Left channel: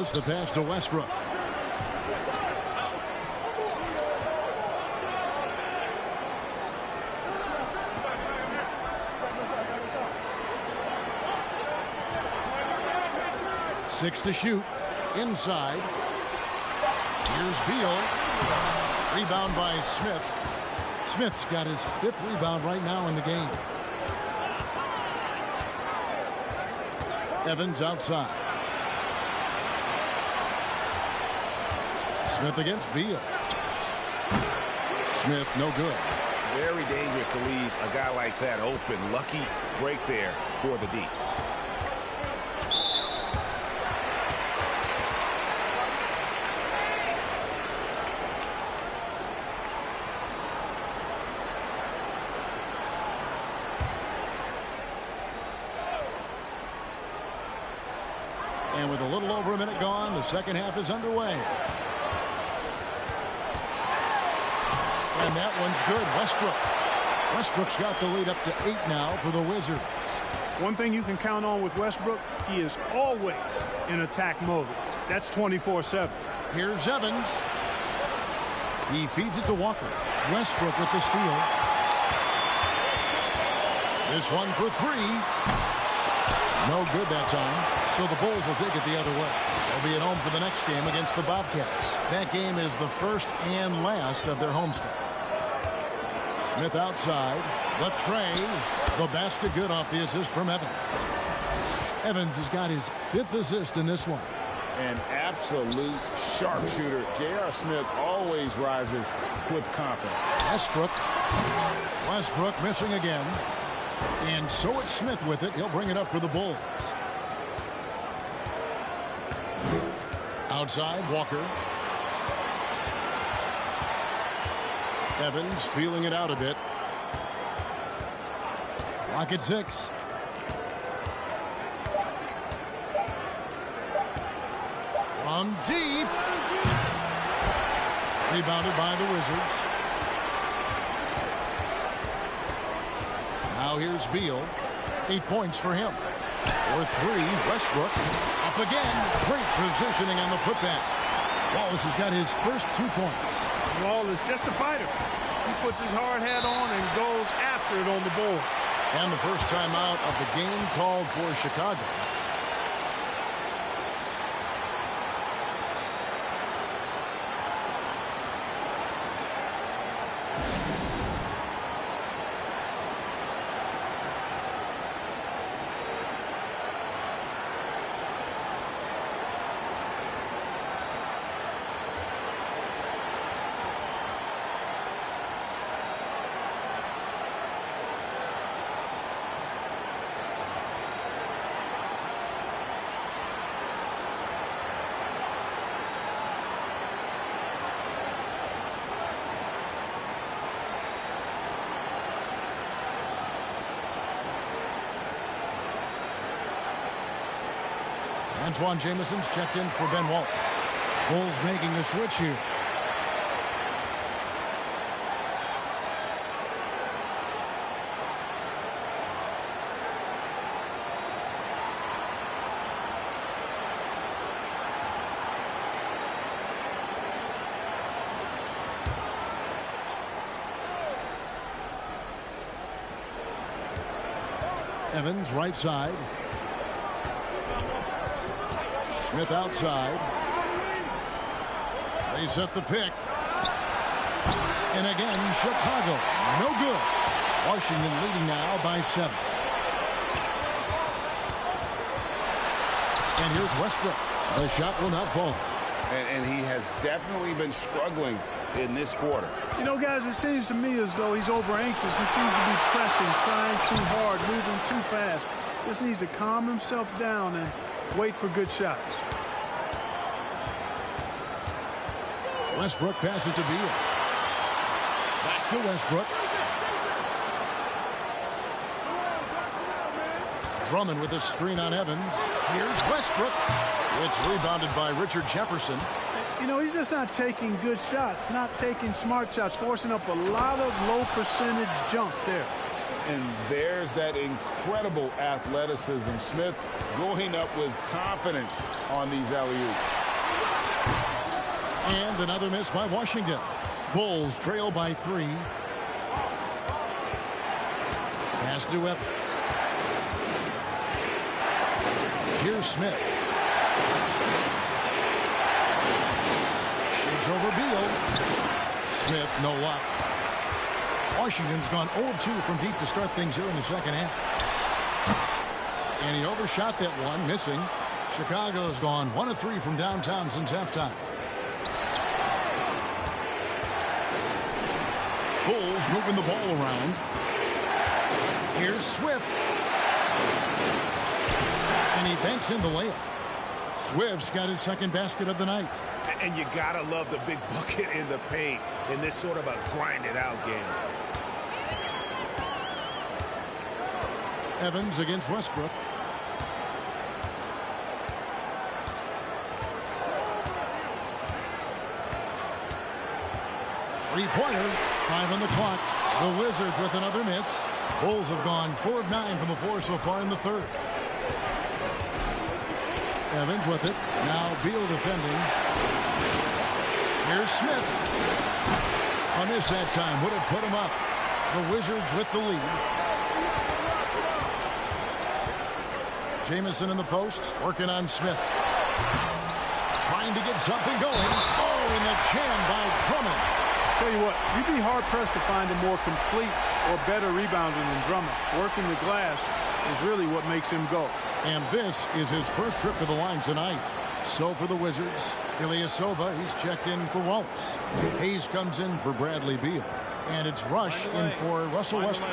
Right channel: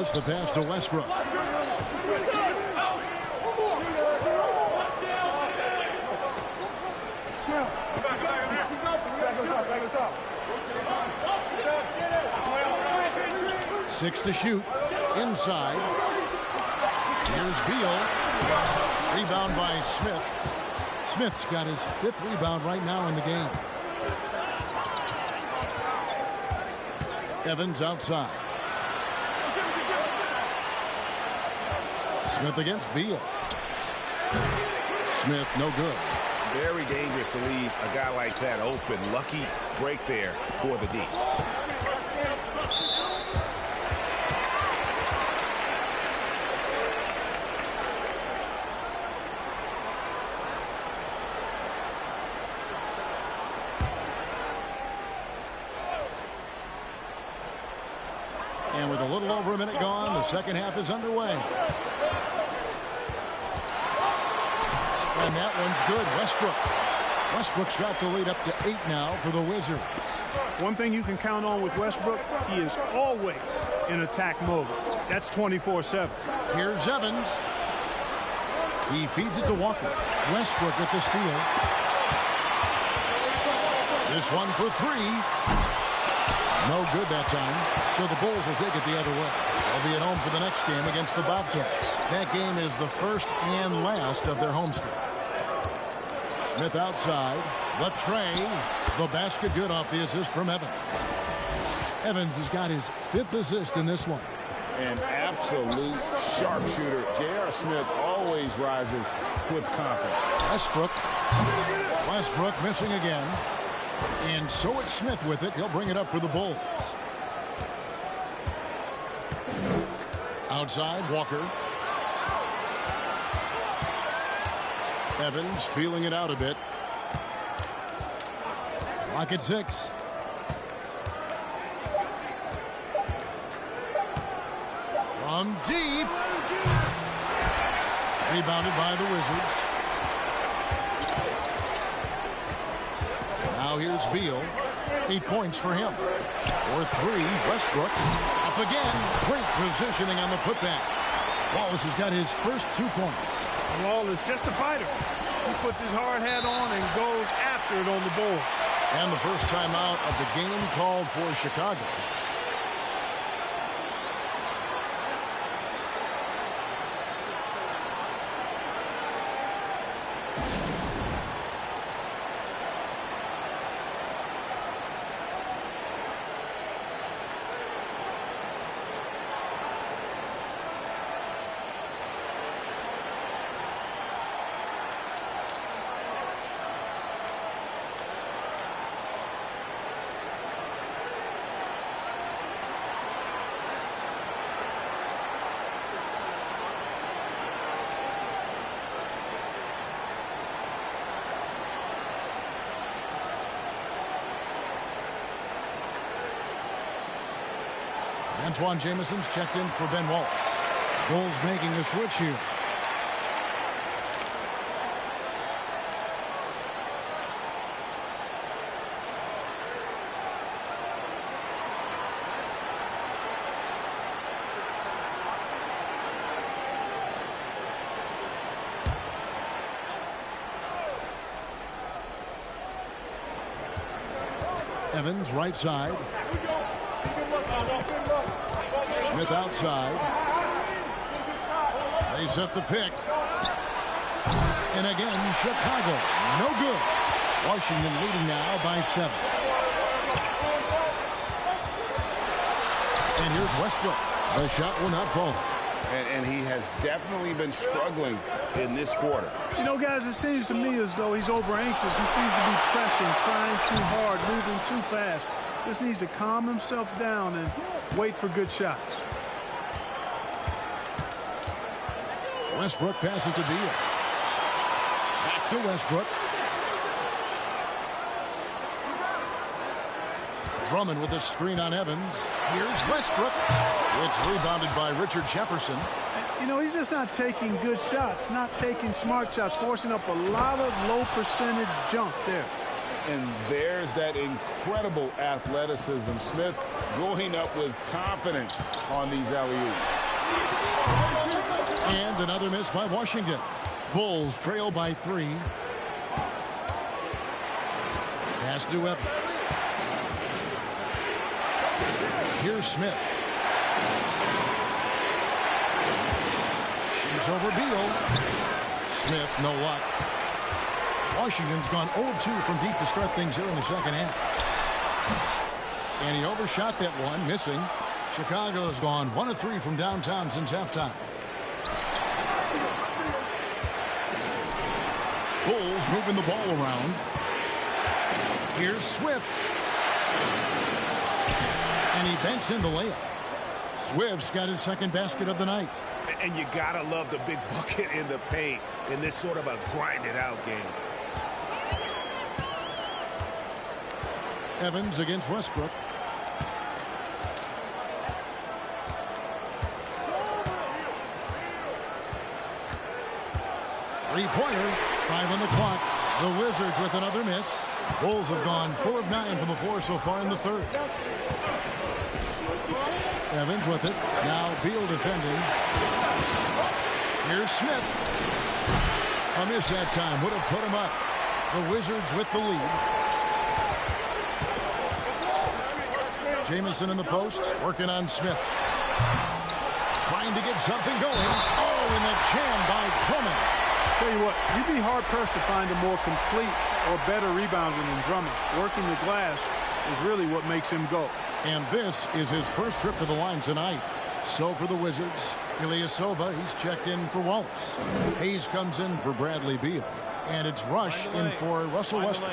Wallace, the pass to Westbrook. Six to shoot. Inside. Here's Beal. Rebound by Smith. Smith's got his 5th rebound right now in the game. Evans outside. Smith against Beal. Smith no good. Very dangerous to leave a guy like that open. Lucky break there for the D. And with a little over a minute gone, the second half is underway. And that one's good. Westbrook's got the lead up to 8 now for the Wizards. One thing you can count on with Westbrook, he is always in attack mode. That's 24/7. Here's Evans. He feeds it to Walker. Westbrook with the steal. This one for 3. No good that time, so the Bulls will take it the other way. They'll be at home for the next game against the Bobcats. That game is the first and last of their homestand. Smith outside. The tray. The basket good off the assist from Evans. Evans has got his 5th assist in this one. An absolute sharpshooter. J.R. Smith always rises with confidence. Westbrook missing again. And so it's Smith with it. He'll bring it up for the Bulls. Outside, Walker. Evans feeling it out a bit. Clock at 6. From deep. Rebounded by the Wizards. Now here's Beal. 8 points for him. For 3, Westbrook. Up again. Great positioning on the putback. Wallace has got his first 2 points. Wallace, just a fighter. He puts his hard hat on and goes after it on the boards. And the first timeout of the game called for Chicago. Antoine Jameson's checked in for Ben Wallace. Bulls making a switch here. Evans right side. Smith outside. They set the pick. And again, Chicago. No good. Washington leading now by 7. And here's Westbrook. The shot will not fall. And he has definitely been struggling in this quarter. You know, guys, it seems to me as though he's over anxious. He seems to be pressing, trying too hard, moving too fast. Just needs to calm himself down and wait for good shots. Westbrook passes to Beal. Back to Westbrook. Drummond with a screen on Evans. Here's Westbrook. It's rebounded by Richard Jefferson. You know, he's just not taking good shots, not taking smart shots, forcing up a lot of low percentage jump there. And there's that incredible athleticism. Smith going up with confidence on these alley-oops. And another miss by Washington. Bulls trail by 3. Pass to Evans. Here's Smith. Shoots over Beal. Smith, no luck. Washington's gone 0-2 from deep to start things here in the second half. And he overshot that one, missing. Chicago's gone 1-3 from downtown since halftime. Bulls moving the ball around. Here's Swift. And he banks in the layup. Swift's got his second basket of the night. And you gotta love the big bucket in the paint in this sort of a grinded-out game. Evans against Westbrook. Three-pointer, 5 on the clock. The Wizards with another miss. Bulls have gone 4 of 9 from the floor so far in the third. Evans with it. Now Beal defending. Here's Smith. A miss that time. Would have put him up. The Wizards with the lead. Jamison in the post. Working on Smith. Trying to get something going. Oh, and the jam by Drummond. Tell you what, you'd be hard-pressed to find a more complete or better rebounder than Drummond. Working the glass is really what makes him go. And this is his first trip to the line tonight. So for the Wizards, Ilyasova, he's checked in for Wallace. Hayes comes in for Bradley Beal. And it's Rush in for Russell Westbrook.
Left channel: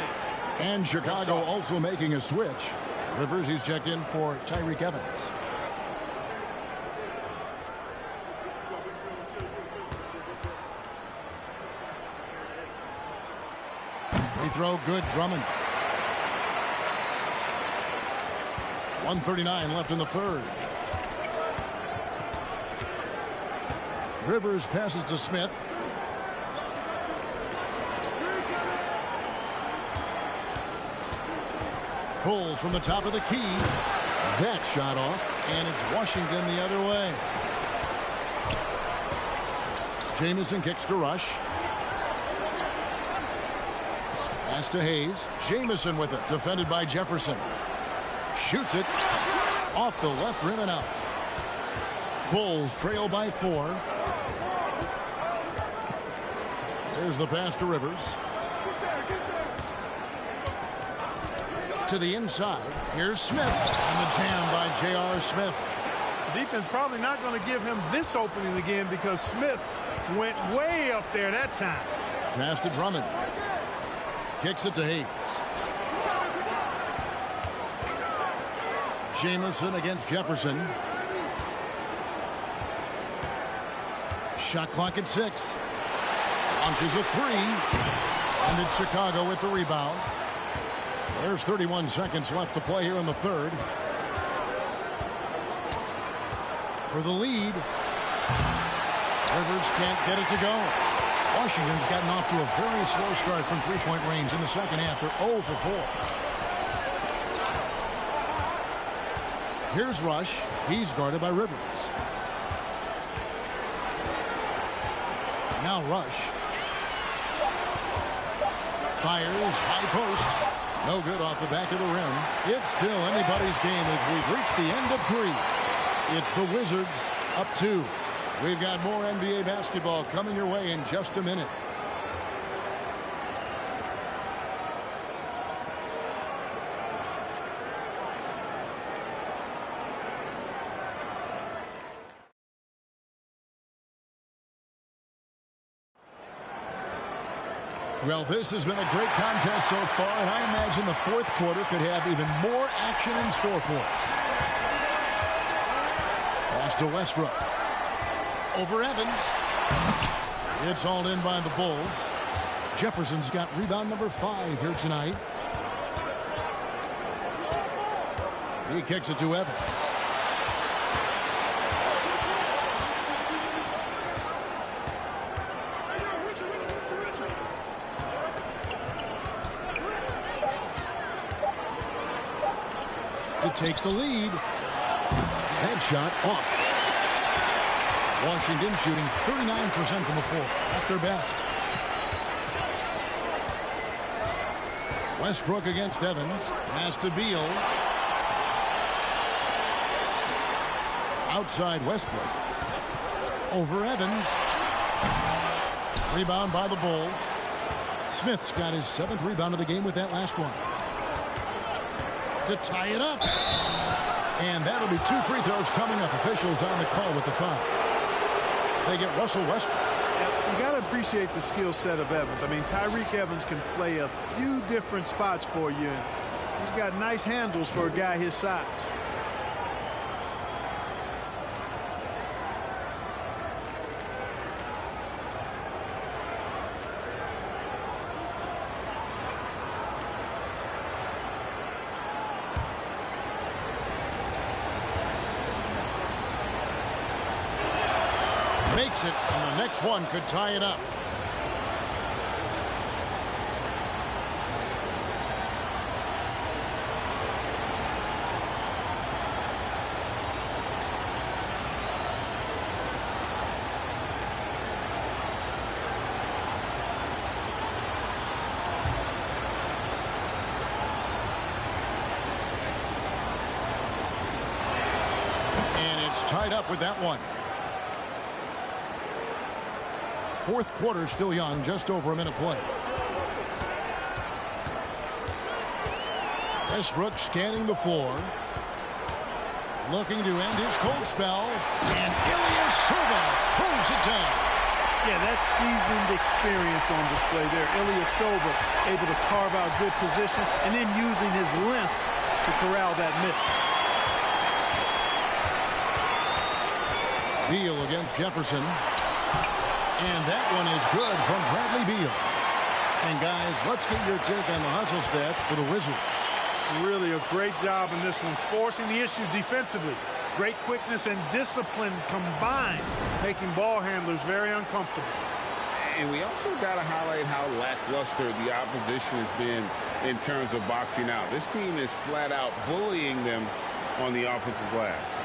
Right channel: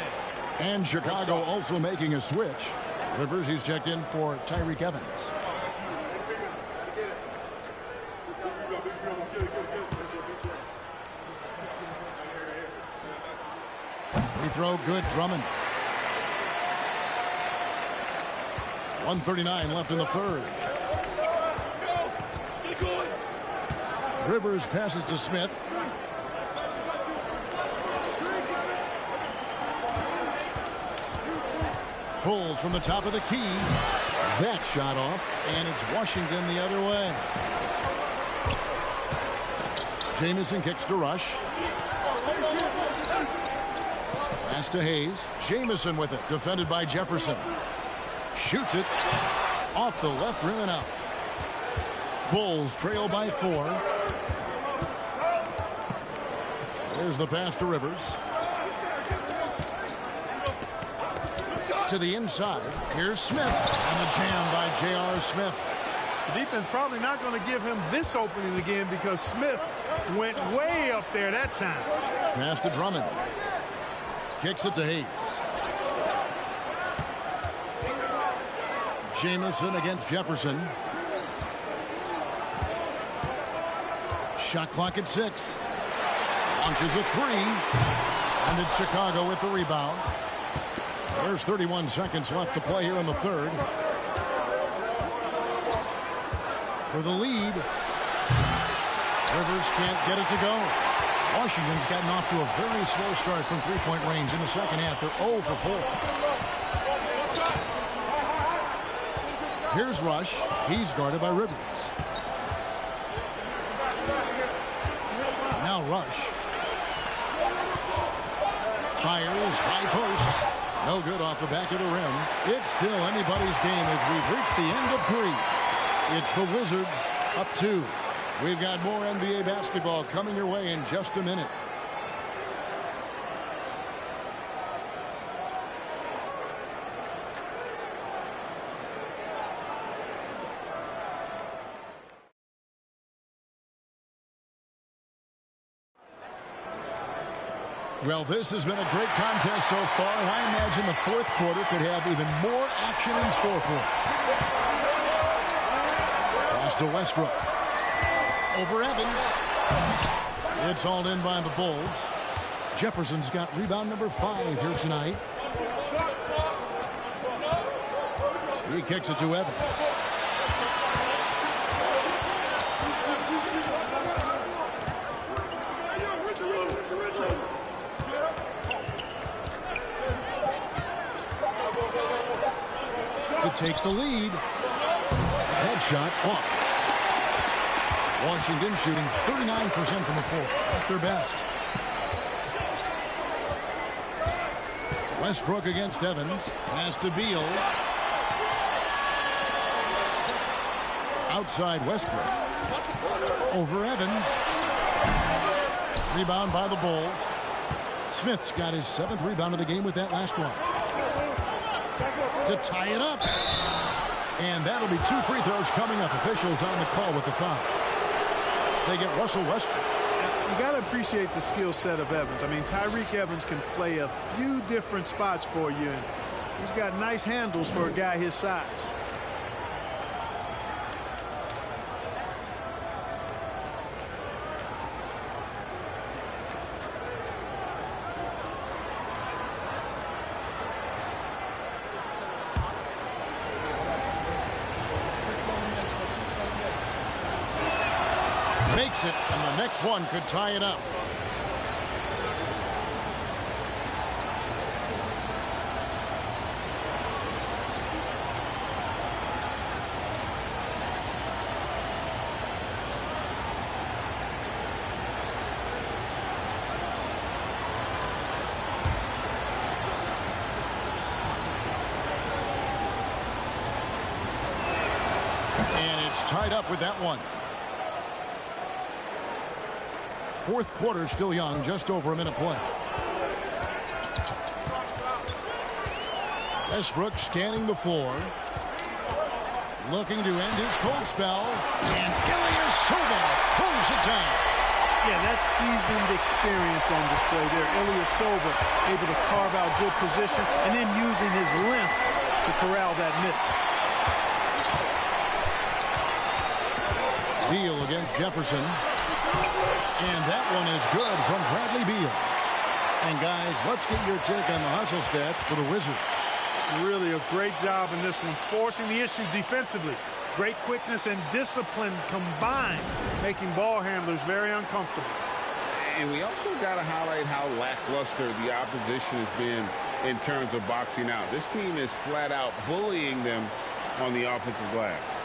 And Chicago also making a switch. Rivers, he's checked in for Tyreke Evans. Free throw good, Drummond. 1:39 left in the third. Rivers passes to Smith. Pulls from the top of the key. That shot off, and it's Washington the other way. Jamison kicks to Rush. Pass to Hayes. Jamison with it, defended by Jefferson. Shoots it off the left rim and out. Bulls trail by 4. There's the pass to Rivers. To the inside. Here's Smith. And the jam by J.R. Smith. The defense probably not going to give him this opening again because Smith went way up there that time. Pass to Drummond. Kicks it to Hayes. Jamison against Jefferson. Shot clock at 6. Launches a 3. And it's Chicago with the rebound. There's 31 seconds left to play here in the third. For the lead. Rivers can't get it to go. Washington's gotten off to a very slow start from three-point range in the second half. They're 0 for 4. Here's Rush. He's guarded by Rivers. Now Rush. Fires, high post. No good off the back of the rim. It's still anybody's game as we've reached the end of 3. It's the Wizards up 2. We've got more NBA basketball coming your way in just a minute. Well, this has been a great contest so far, and I imagine the fourth quarter could have even more action in store for us. Pass to Westbrook. Over Evans. It's all in by the Bulls. Jefferson's got rebound number 5 here tonight. He kicks it to Evans. to take the lead. Headshot off. Washington shooting 39% from the floor. At their best. Westbrook against Evans. Pass to Beal. Outside Westbrook. Over Evans. Rebound by the Bulls. Smith's got his 7th rebound of the game with that last one. To tie it up. And that'll be 2 free throws coming up. Officials on the call with the foul. They get Russell Westbrook. You got to appreciate the skill set of Evans. I mean, Tyreke Evans can play a few different spots for you, and he's got nice handles for a guy his size. Makes it, and the next one could tie it up. And it's tied up with that one. Fourth quarter still young, just over a minute play. Westbrook scanning the floor. Looking to end his cold spell. And Ilyasova throws it down. Yeah, that's seasoned experience on display there. Ilyasova able to carve out good position and then using his length to corral that miss. Beal against Jefferson. And that one is good from Bradley Beal. And guys, let's get your take on the hustle stats for the Wizards. Really a great job in this one, forcing the issue defensively. Great quickness and discipline combined, making ball handlers very uncomfortable. And we also got to highlight how lackluster the opposition has been in terms of boxing out. This team is flat out bullying them on the offensive glass.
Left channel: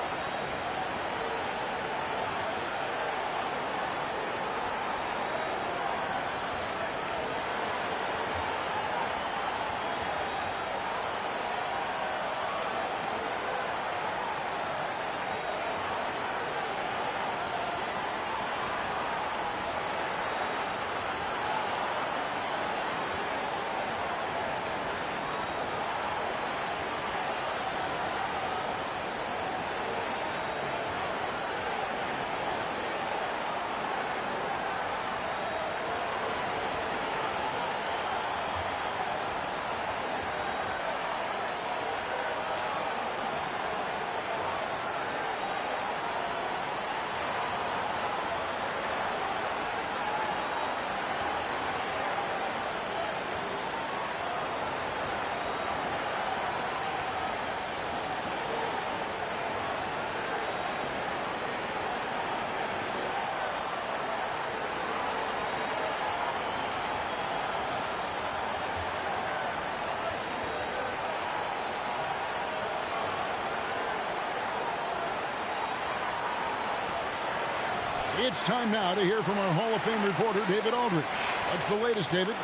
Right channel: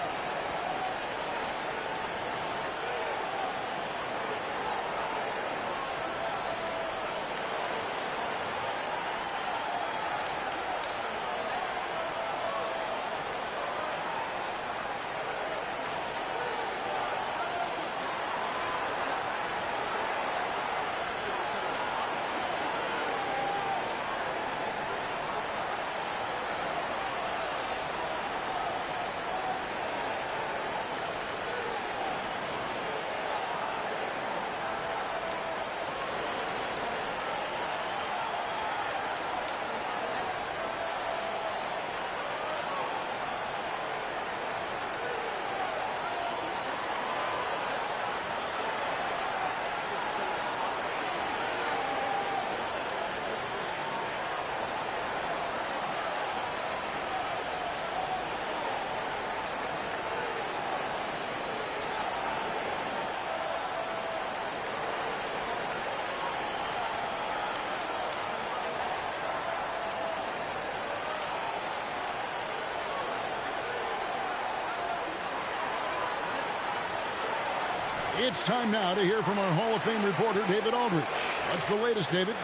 It's time now to hear from our Hall of Fame reporter, David Aldridge. What's the latest, David?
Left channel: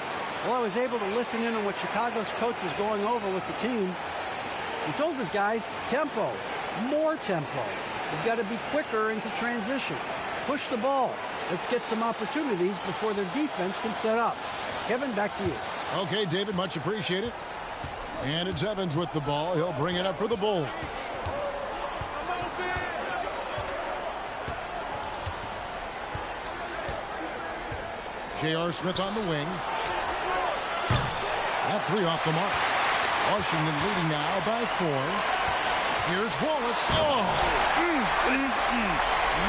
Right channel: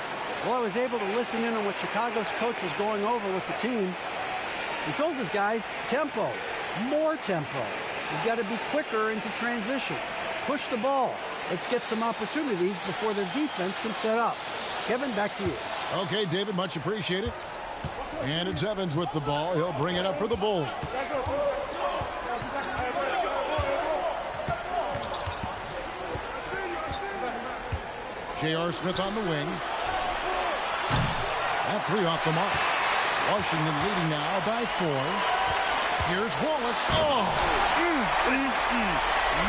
Well, I was able to listen in on what Chicago's coach was going over with the team. He told his guys, tempo, more tempo. We've got to be quicker into transition. Push the ball. Let's get some opportunities before their defense can set up. Kevin, back to you. Okay, David, much appreciated. And it's Evans with the ball. He'll bring it up for the Bulls. J.R. Smith on the wing. That 3 off the mark. Washington leading now by 4. Here's Wallace. Oh!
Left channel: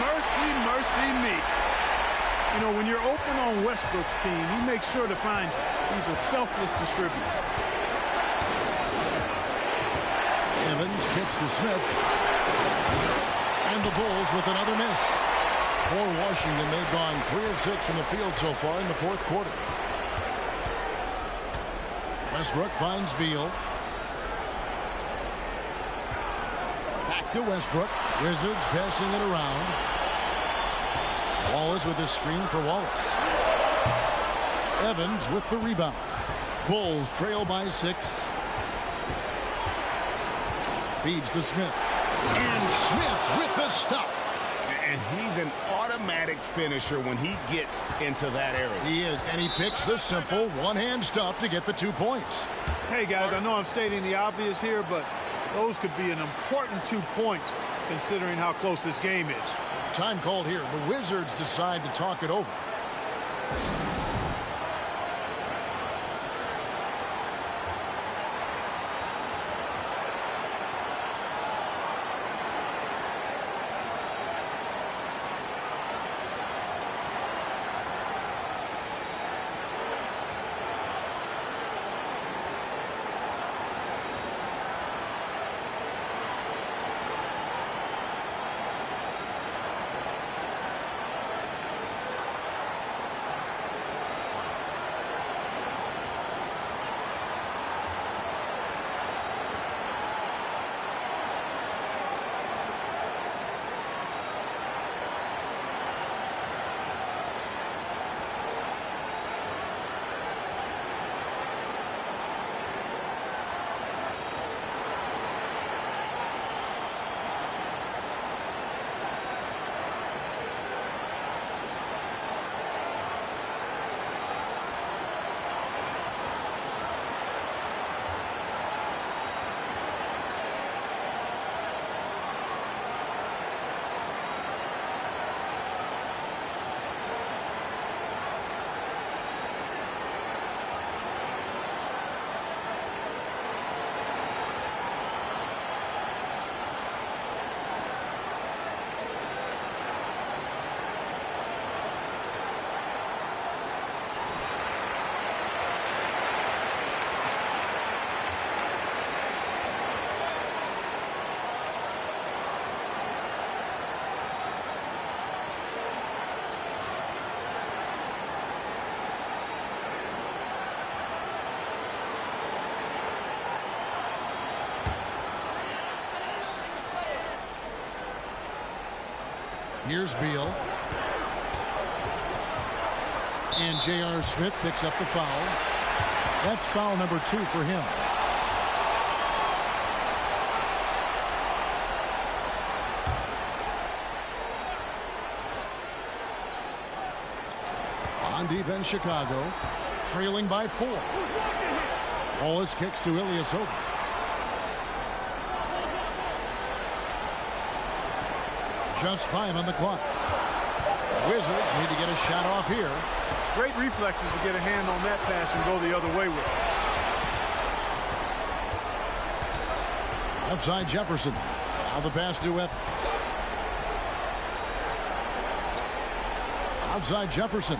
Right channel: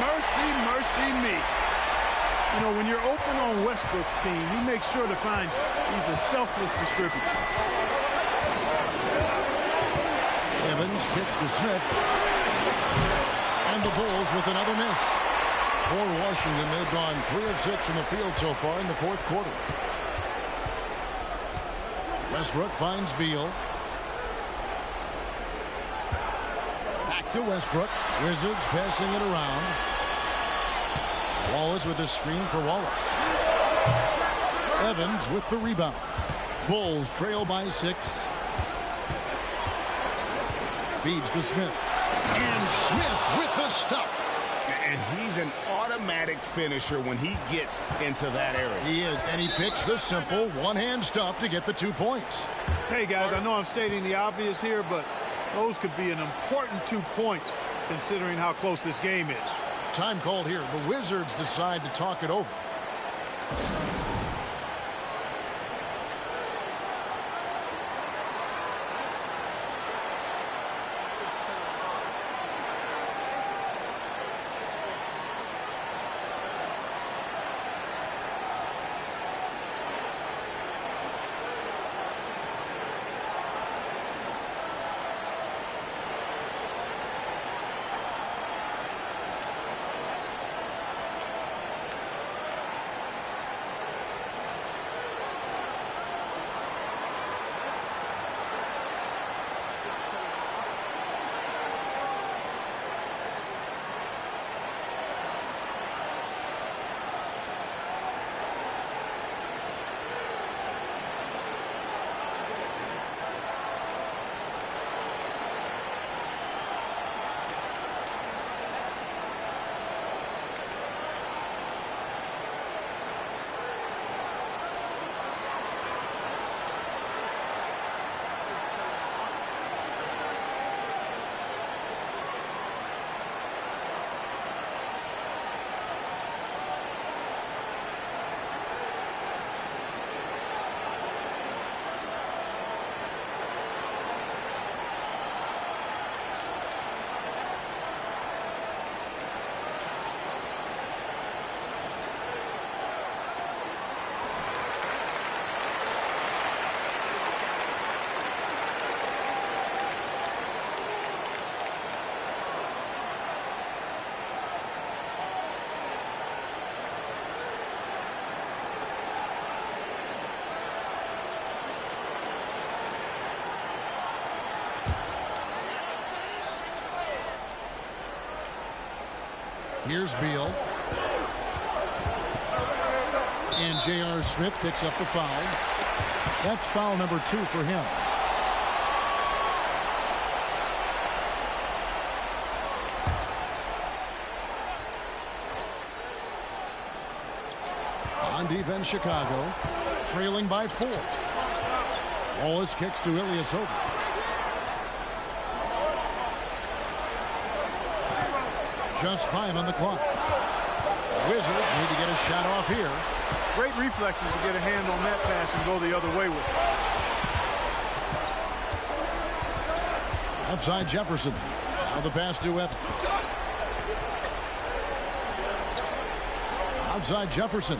Mercy, mercy me. You know, when you're open on Westbrook's team, he makes sure to find you. He's a selfless distributor. Evans kicks to Smith. And the Bulls with another miss. For Washington, they've gone 3 of 6 from the field so far in the fourth quarter. Back to Westbrook. Wizards passing it around. Wallace with a screen for Wallace. Evans with the rebound. Bulls trail by 6. Feeds to Smith. And Smith with the stuff. And he's an automatic finisher when he gets into that area. He is, and he picks the simple one-hand stuff to get the 2 points. Hey, guys, I know I'm stating the obvious here, but those could be an important 2 points considering how close this game is. Time called here. The Wizards decide to talk it over. Here's Beal. And J.R. Smith picks up the foul. That's foul number 2 for him. On defense, Chicago, trailing by 4. Wallace kicks to Ilyasova. Just 5 on the clock. The Wizards need to get a shot off here. Great reflexes to get a hand on that pass and go the other way with it. Outside Jefferson. Now the pass to Evans. Outside Jefferson.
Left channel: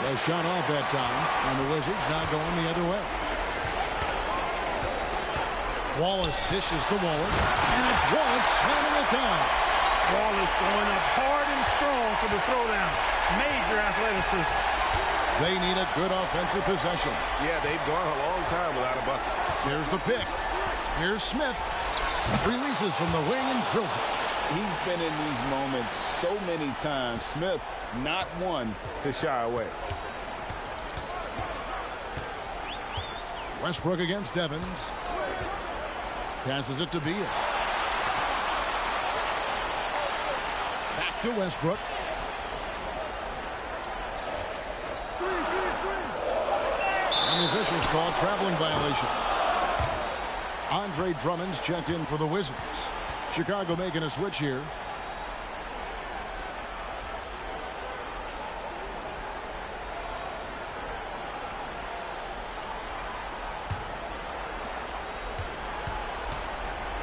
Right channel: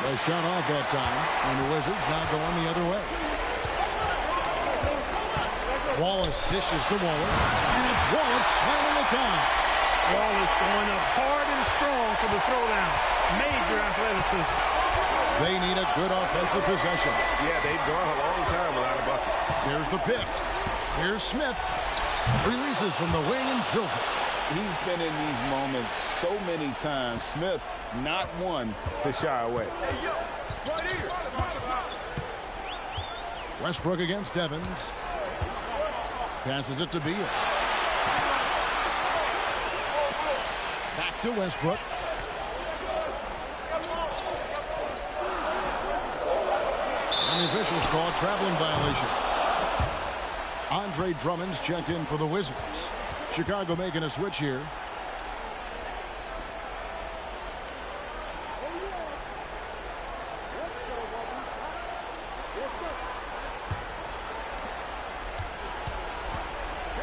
The shot off that time, and the Wizards now going the other way. Wallace dishes to Wallace, and it's Wallace slamming it down. Wallace going up hard and strong for the throwdown. Major athleticism. They need a good offensive possession. Yeah, they've gone a long time without a bucket. Here's the pick. Here's Smith. Releases from the wing and drills it. He's been in these moments so many times. Smith, not one to shy away. Westbrook against Evans. Passes it to Beal. Back to Westbrook. And the officials call a traveling violation. Andre Drummond's checked in for the Wizards. Chicago making a switch here.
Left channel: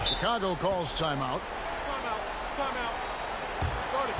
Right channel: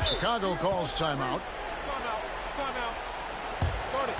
Chicago calls timeout. Timeout. Timeout. Start it.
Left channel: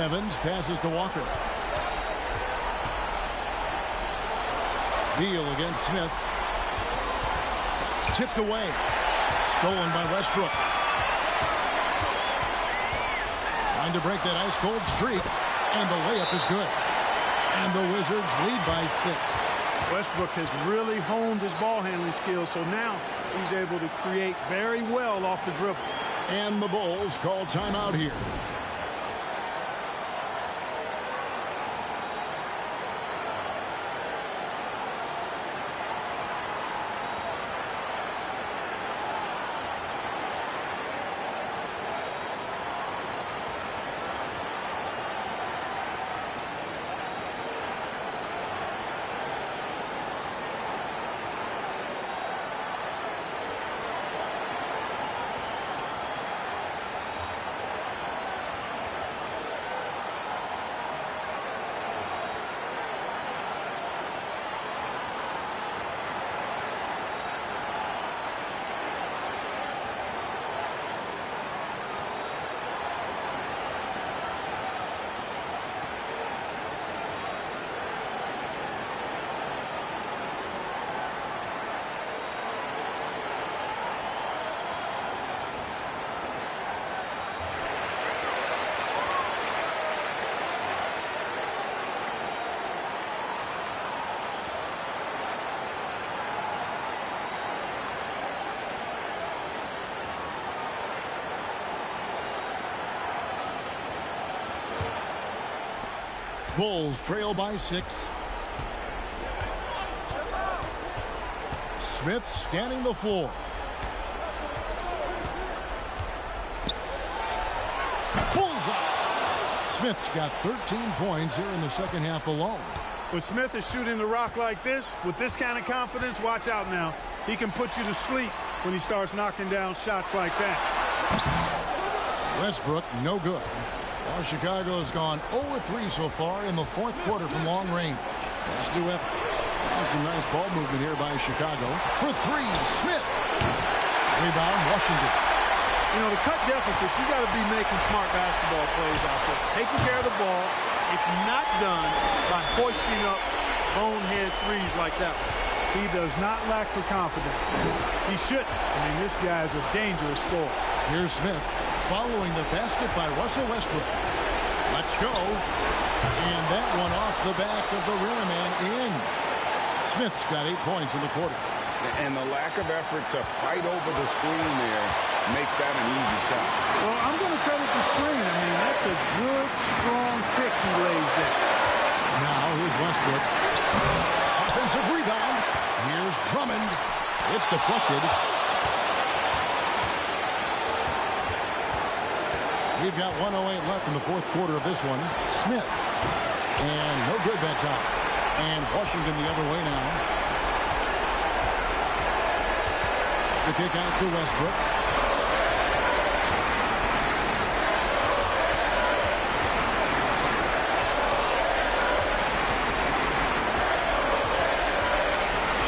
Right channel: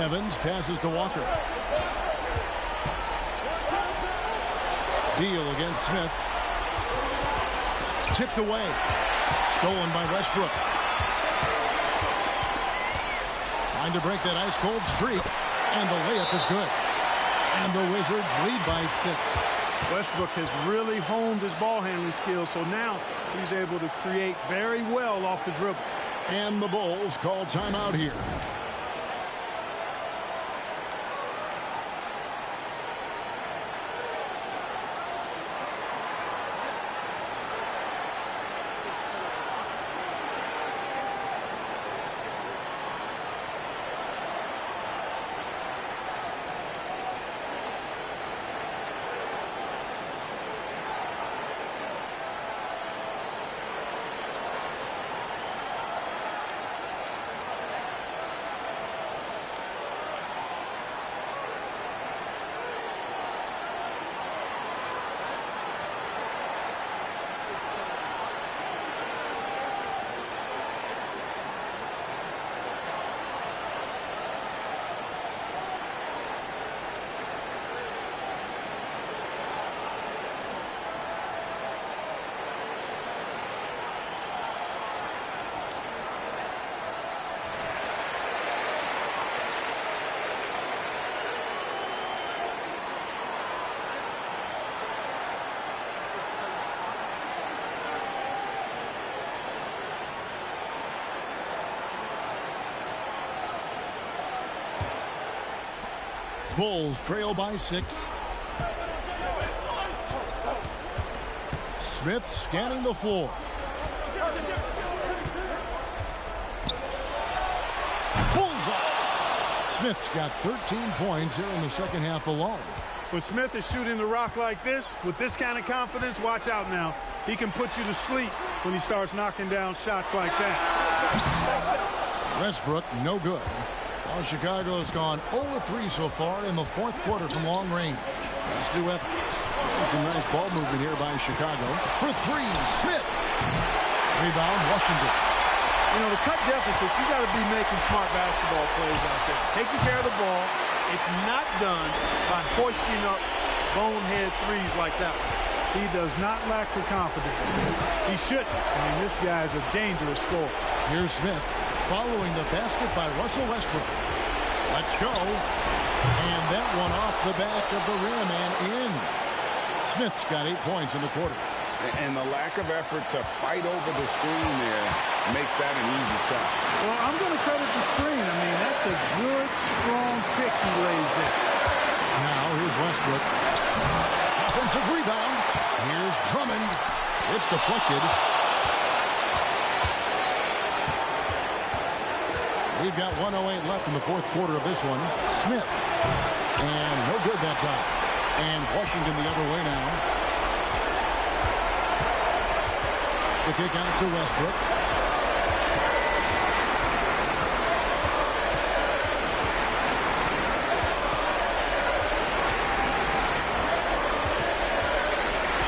Evans passes to Walker. Beal against Smith. Tipped away. Stolen by Westbrook. Trying to break that ice-cold streak. And the layup is good. And the Wizards lead by 6. Westbrook has really honed his ball handling skills, so now he's able to create very well off the dribble. And the Bulls call timeout here. Bulls trail by 6. Smith scanning the floor. Bullseye. Smith's got 13 points here in the second half alone. When Smith is shooting the rock like this, with this kind of confidence, watch out now. He can put you to sleep when he starts knocking down shots like that. Westbrook, no good. Well, Chicago has gone 0-3 so far in the fourth quarter from long range. Pass to Evans. And some nice ball movement here by Chicago. For 3, Smith. Rebound, Washington. You know, to cut deficits, you got to be making smart basketball plays out there. Taking care of the ball. It's not done by hoisting up bonehead threes like that one. He does not lack for confidence. He shouldn't. I mean, this guy's a dangerous scorer. Here's Smith following the basket by Russell Westbrook. Let's go. And that one off the back of the rim and in. Smith's got 8 points in the quarter. And the lack of effort to fight over the screen there makes that an easy shot. Well, I'm going to credit the screen. I mean, that's a good, strong pick he lays there. Now here's Westbrook. Offensive rebound. Here's Drummond. It's deflected. We've got 1:08 left in the fourth quarter of this one. Smith. And no good that time. And Washington the other way now. The kick out to Westbrook.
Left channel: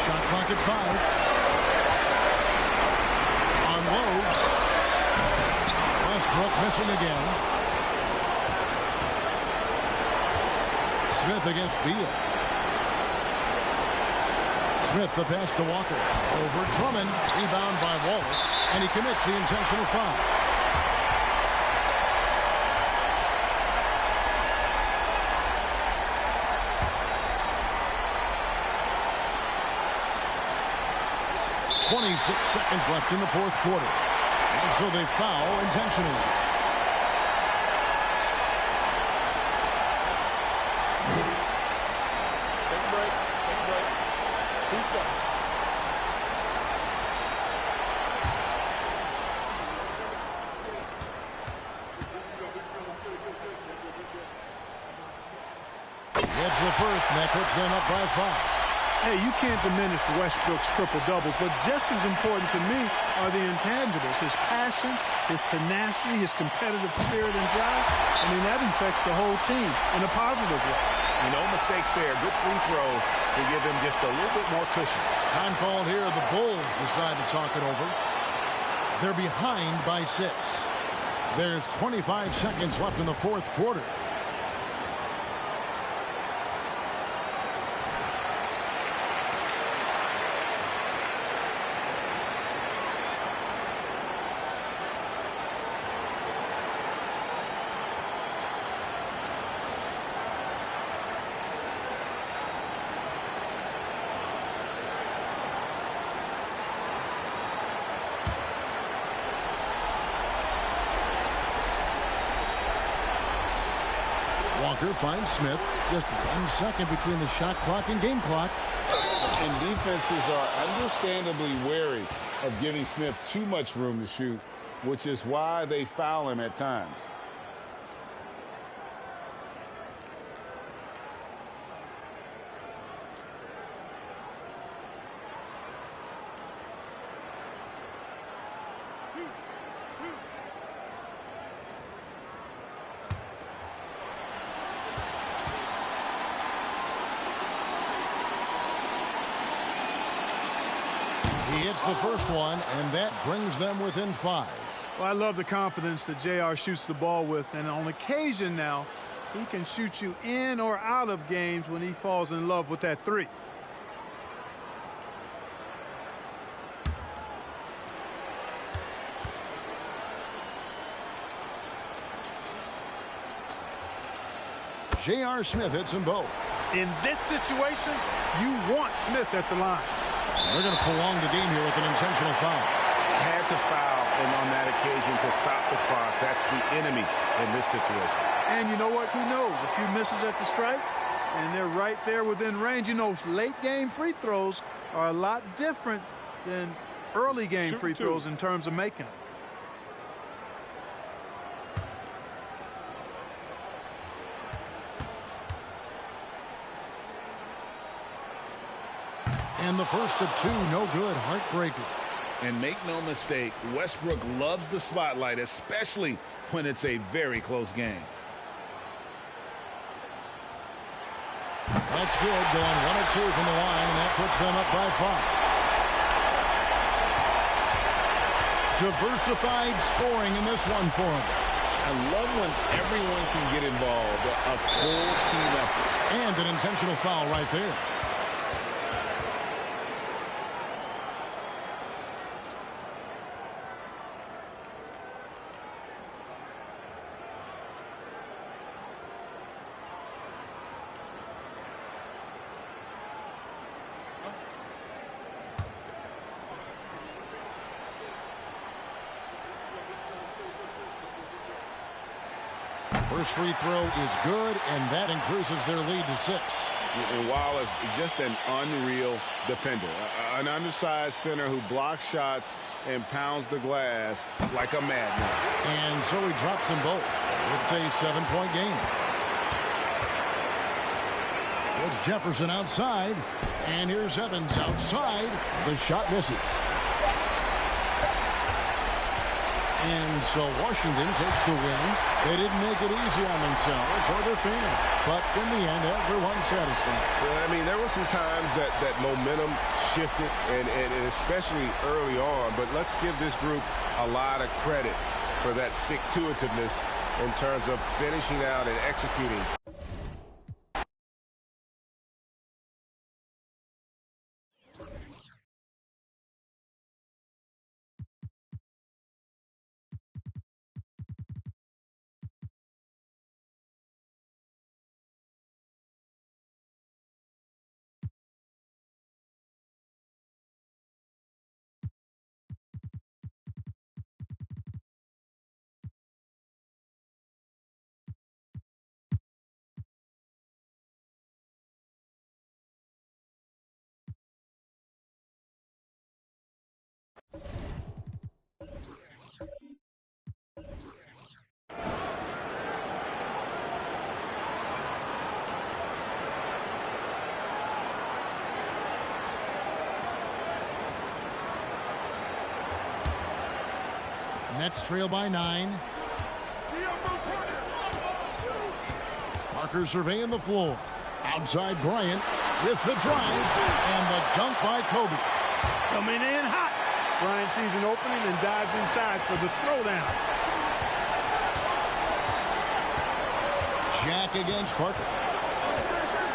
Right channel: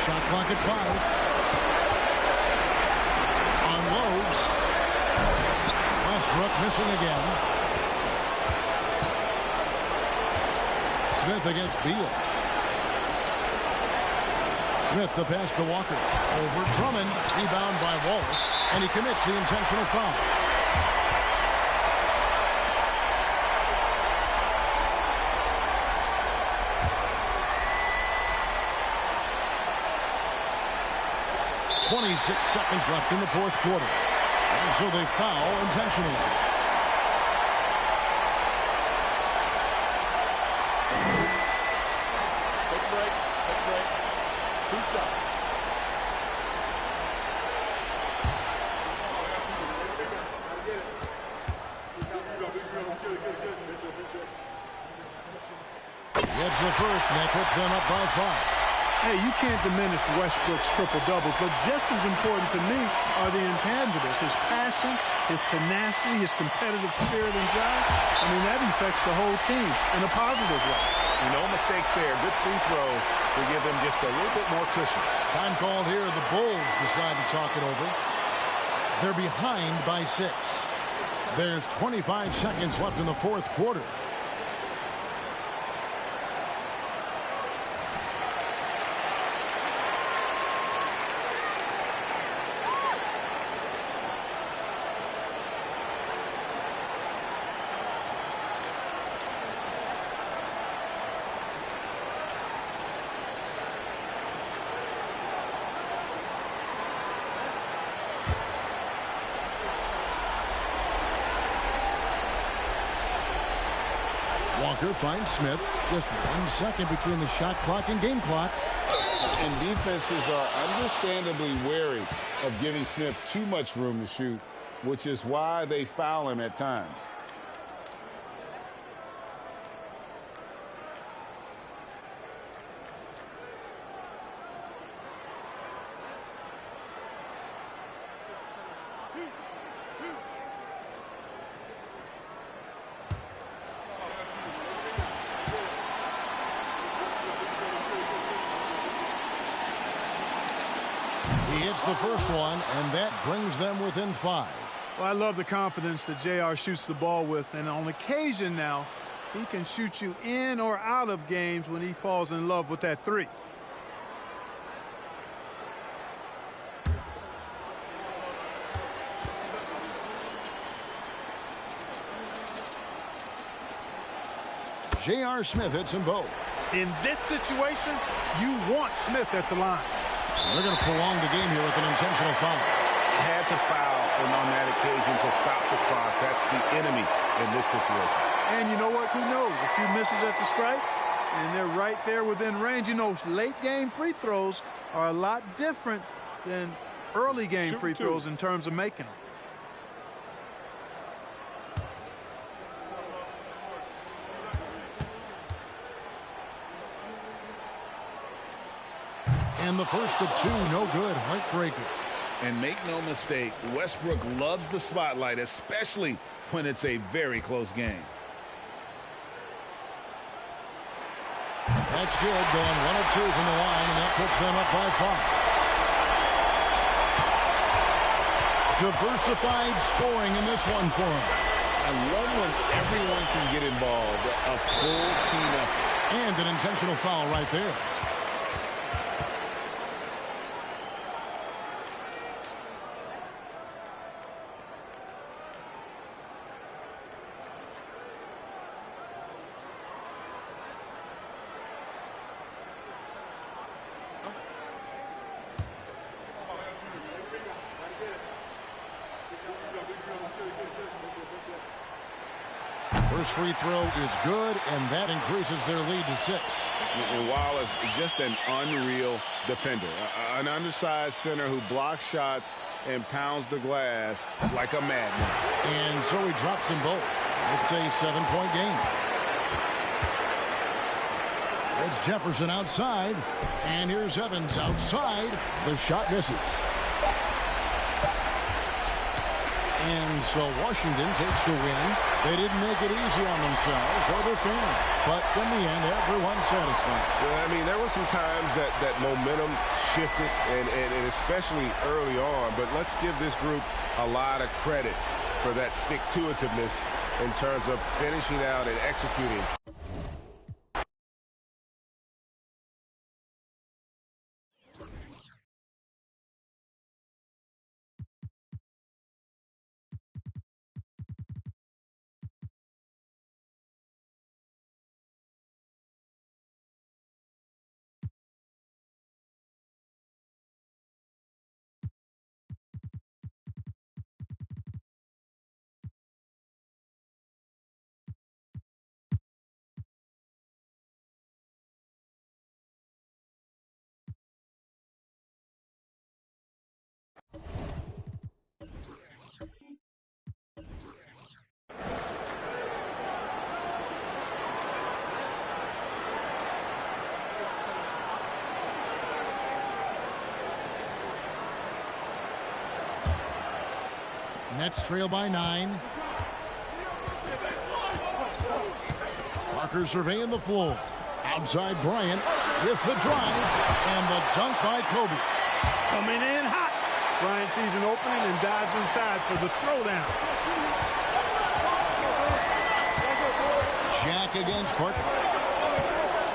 Shot clock at 5. Unloads. Westbrook missing again. Smith against Beal. Smith the pass to Walker. Over Drummond. Rebound by Wallace. And he commits the intentional foul. .26 seconds left in the fourth quarter. And so they foul intentionally. Take a break. Take a break. 2 shots. Gets the first, and that puts them up by 5. Hey, you can't diminish Westbrook's triple-doubles, but just as important to me are the intangibles. His passion, his tenacity, his competitive spirit and drive. I mean, that infects the whole team in a positive way. You know, mistakes there. Good free throws to give them just a little bit more cushion. Time called here. The Bulls decide to talk it over. They're behind by 6. There's 25 seconds left in the fourth quarter. Walker finds Smith. Just 1 second between the shot clock and game clock. And defenses are understandably wary of giving Smith too much room to shoot, which is why they foul him at times. He hits the first one, and that brings them within 5. Well, I love the confidence that JR shoots the ball with, and on occasion now, he can shoot you in or out of games when he falls in love with that three. J.R. Smith hits them both. In this situation, you want Smith at the line. They're going to prolong the game here with an intentional foul. Had to foul and on that occasion to stop the clock. That's the enemy in this situation. And you know what? Who knows? A few misses at the stripe, and they're right there within range. You know, late game free throws are a lot different than early game free throws in terms of making them. And the first of 2, no good. Heartbreaker. And make no mistake, Westbrook loves the spotlight, especially when it's a very close game. That's good. Going 1 of 2 from the line, and that puts them up by 5. Diversified scoring in this one for him. I love when everyone can get involved. A full team effort. And an intentional foul right there. First free throw is good, and that increases their lead to 6. And Wallace, just an unreal defender. An undersized center who blocks shots and pounds the glass like a madman. And so he drops them both. It's a 7-point game. It's Jefferson outside, and here's Evans outside. The shot misses. And so Washington takes the win. They didn't make it easy on themselves or their fans. But in the end, everyone's satisfied. Well, I mean, there were some times that momentum shifted, and especially early on. But let's give this group a lot of credit for that stick-to-itiveness in terms of finishing out and executing. Nets trail by 9. Parker surveying the floor. Outside Bryant with the drive and the dunk by Kobe. Coming in hot. Bryant sees an opening and dives inside for the throwdown. Jack against Parker.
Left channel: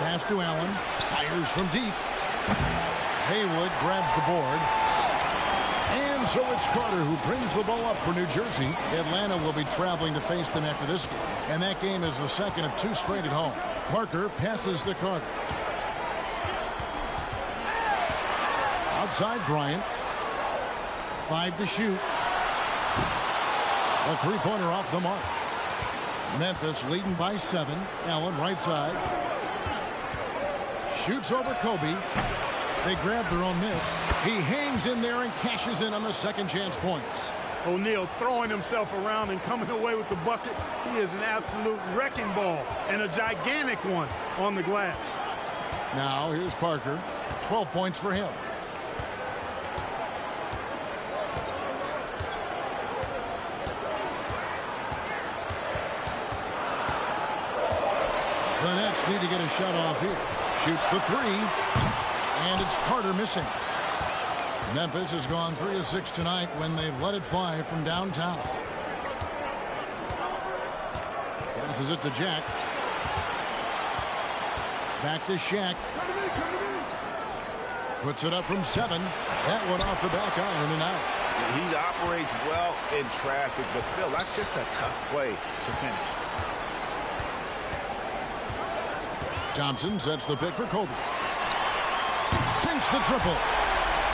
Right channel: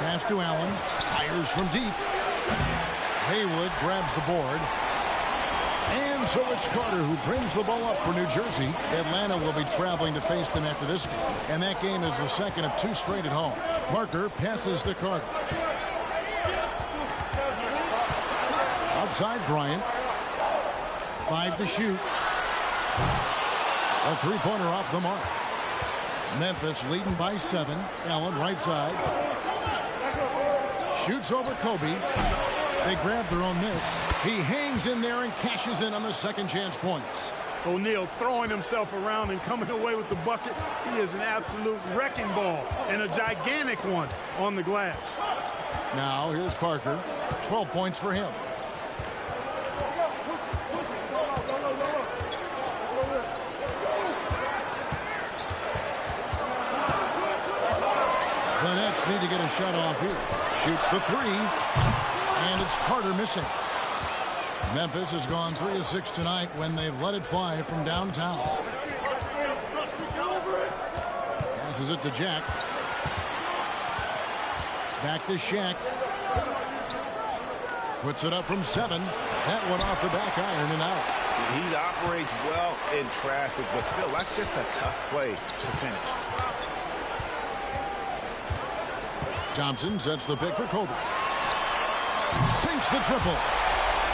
Pass to Allen. Fires from deep. Haywood grabs the board. And so it's Carter who brings the ball up for New Jersey. Atlanta will be traveling to face them after this game. And that game is the second of 2 straight at home. Parker passes to Carter. Outside Bryant. 5 to shoot. A 3-pointer off the mark. Memphis leading by 7. Allen right side. Shoots over Kobe. They grab their own miss. He hangs in there and cashes in on the second chance points. O'Neal throwing himself around and coming away with the bucket. He is an absolute wrecking ball and a gigantic one on the glass. Now here's Parker. 12 points for him. The Nets need to get a shot off here. Shoots the 3. And it's Carter missing. Memphis has gone 3 of 6 tonight when they've let it fly from downtown. Passes it to Jack. Back to Shaq. Puts it up from 7. That one off the back iron and out. He operates well in traffic, but still, that's just a tough play to finish. Thompson sets the pick for Kobe. Sinks the triple.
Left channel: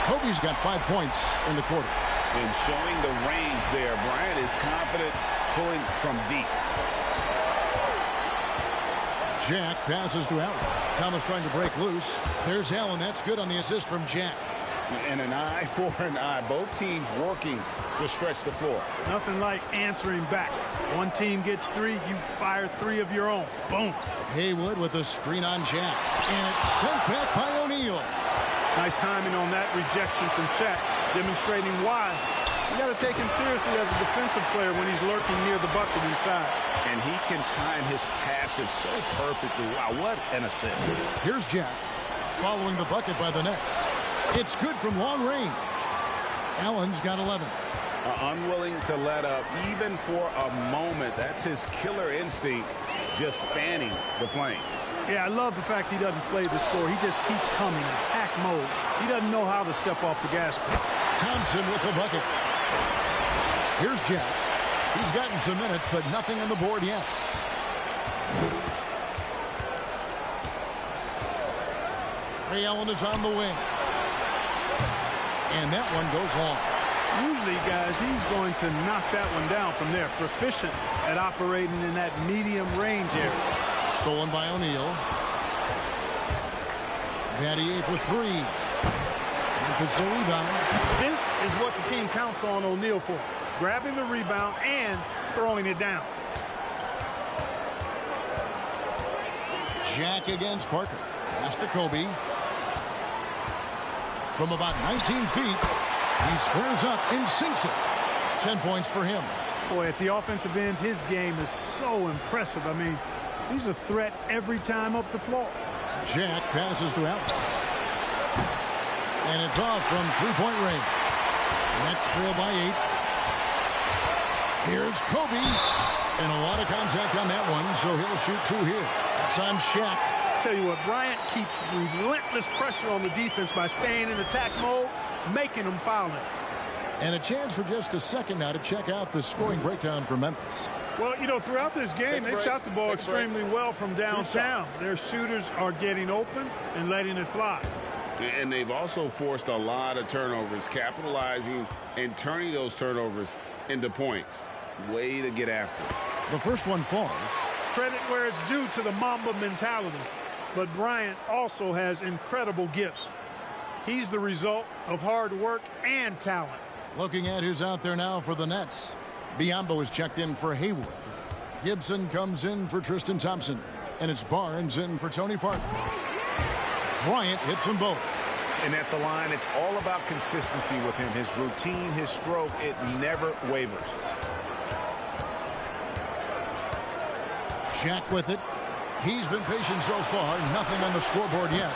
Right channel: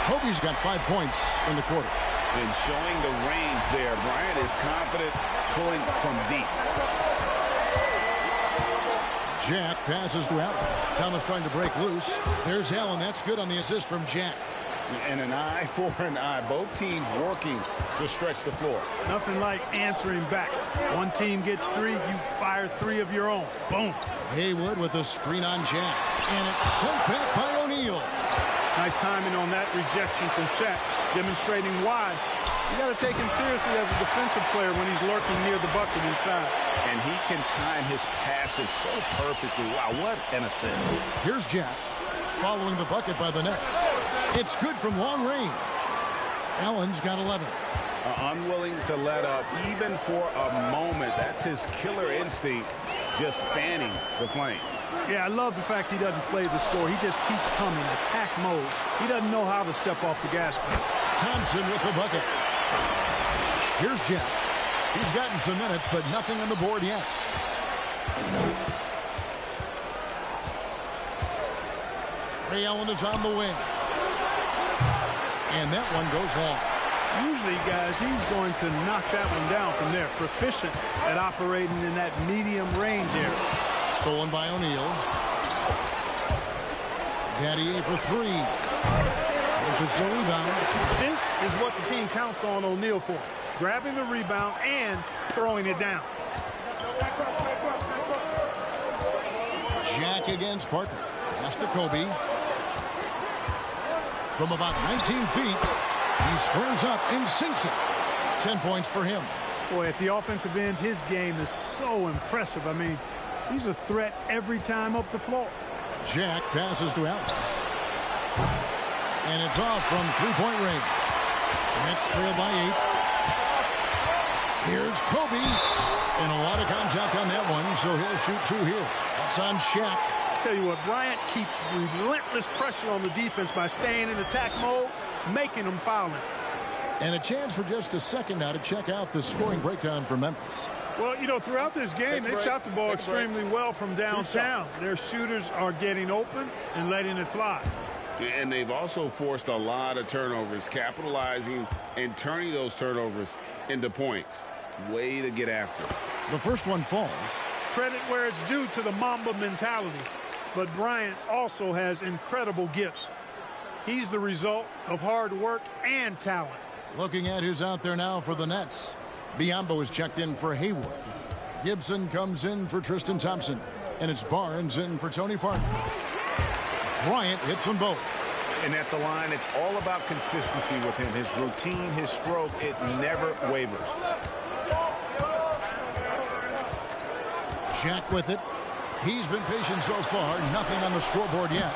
Kobe's got 5 points in the quarter. And showing the range there, Bryant is confident pulling from deep. Jack passes to Allen. Thomas trying to break loose. There's Allen. That's good on the assist from Jack. And an eye for an eye. Both teams working to stretch the floor. Nothing like answering back. One team gets 3, you fire 3 of your own. Boom. Haywood with a screen on Jack. And it's sent back by O'Neal. Nice timing on that rejection from Shaq, demonstrating why you got to take him seriously as a defensive player when he's lurking near the bucket inside. And he can time his passes so perfectly. Wow, what an assist. Here's Jack following the bucket by the Nets. It's good from long range. Allen's got 11. Unwilling to let up even for a moment. That's his killer instinct, just fanning the flames. Yeah, I love the fact he doesn't play the score. He just keeps coming, attack mode. He doesn't know how to step off the gas pedal. Thompson with the bucket. Here's Jack. He's gotten some minutes, but nothing on the board yet. Ray Allen is on the wing. And that one goes long. Usually, guys, he's going to knock that one down from there. Proficient at operating in that medium range area. Stolen by O'Neal. Battier for 3. Memphis the rebound. This is what the team counts on O'Neal for. Grabbing the rebound and throwing it down. Jack against Parker. Pass to Kobe. From about 19 feet, he squares up and sinks it. 10 points for him. Boy, at the offensive end, his game is so impressive. I mean, he's a threat every time up the floor. Jack passes to Allen. And it's off from three-point range. Nets trail by 8. Here's Kobe. And a lot of contact on that one, so he'll shoot 2 here. That's on Shaq. I tell you what, Bryant keeps relentless pressure on the defense by staying in attack mode, making them foul him. And a chance for just a second now to check out the scoring breakdown for Memphis. Well, you know, throughout this game, they've shot the ball extremely well from downtown. Their shooters are getting open and letting it fly. And they've also forced a lot of turnovers, capitalizing and turning those turnovers into points. Way to get after it. The first one falls. Credit where it's due to the Mamba mentality. But Bryant also has incredible gifts. He's the result of hard work and talent. Looking at who's out there now for the Nets. Biyombo is checked in for Haywood. Gibson comes in for Tristan Thompson. And it's Barnes in for Tony Parker. Bryant hits them both. And at the line, it's all about consistency with him. His routine, his stroke, it never wavers. Shaq with it. He's been patient so far. Nothing on the scoreboard yet.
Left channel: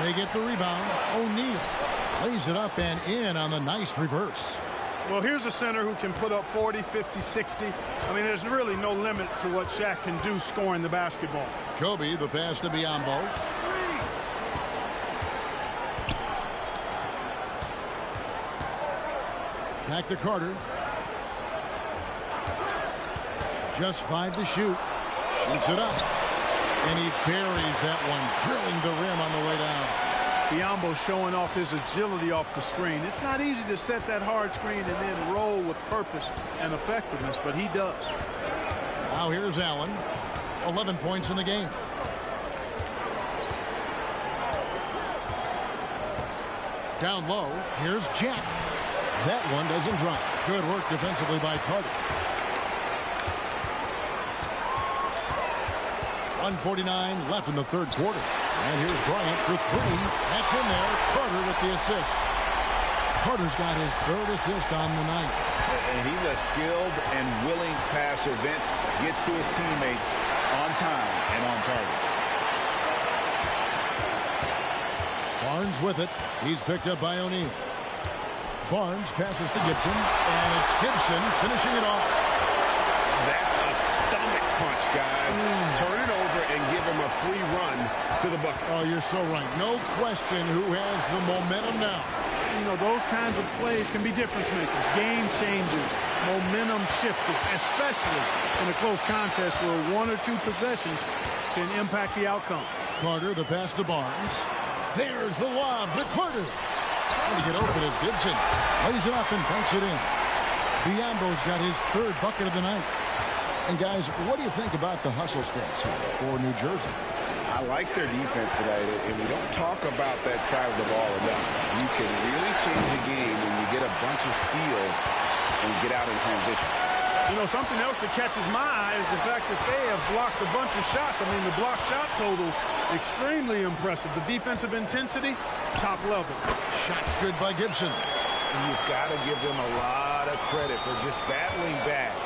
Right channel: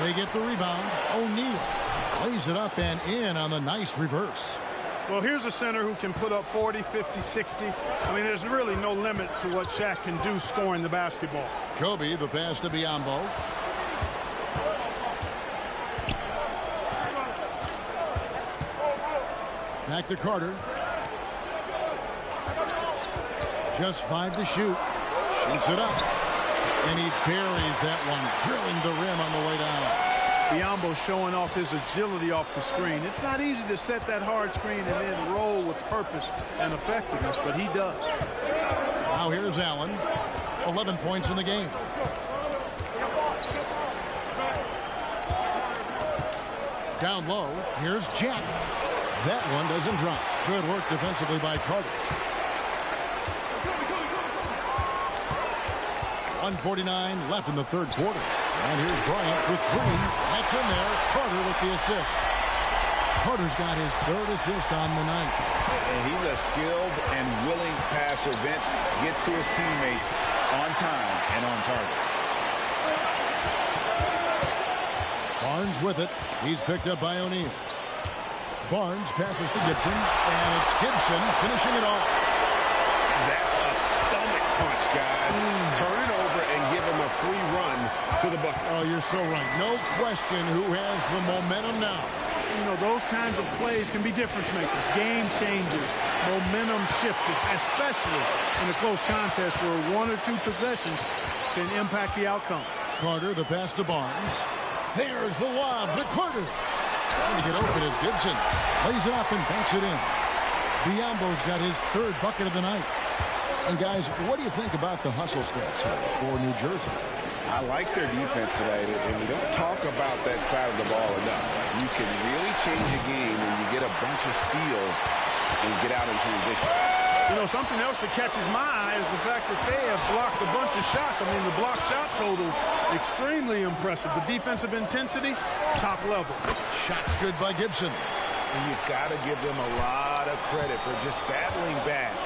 They get the rebound. O'Neal lays it up and in on the nice reverse. Well, here's a center who can put up 40, 50, 60. I mean, there's really no limit to what Shaq can do scoring the basketball. Kobe, the pass to Biyombo. Back to Carter. Just 5 to shoot. Shoots it up. And he buries that one, drilling the rim on the way down. Biyombo showing off his agility off the screen. It's not easy to set that hard screen and then roll with purpose and effectiveness, but he does. Now here's Allen. 11 points in the game. Down low, here's Jack. That one doesn't drop. Good work defensively by Carter. 1:49 left in the third quarter. And here's Bryant for three. That's in there. Carter with the assist. Carter's got his third assist on the night. And he's a skilled and willing passer. Vince gets to his teammates on time and on target. Barnes with it. He's picked up by O'Neal. Barnes passes to Gibson, and it's Gibson finishing it off. That's a stomach punch, guys. Turn it over and give him a free run to the bucket. Oh, you're so right. No question who has the momentum now. You know, those kinds of plays can be difference makers, game changers, momentum shifters, especially in a close contest where one or two possessions can impact the outcome. Carter, the pass to Barnes. There's the lob to Carter. Trying to get open as Gibson lays it up and banks it in. Biombo's got his third bucket of the night. And guys, what do you think about the hustle stats here for New Jersey? I like their defense tonight, and we don't talk about that side of the ball enough. You can really change a game when you get a bunch of steals and get out in transition. You know, something else that catches my eye is the fact that they have blocked a bunch of shots. I mean, the block shot total, extremely impressive. The defensive intensity, top level. Shots good by Gibson. And you've got to give them a lot of credit for just battling back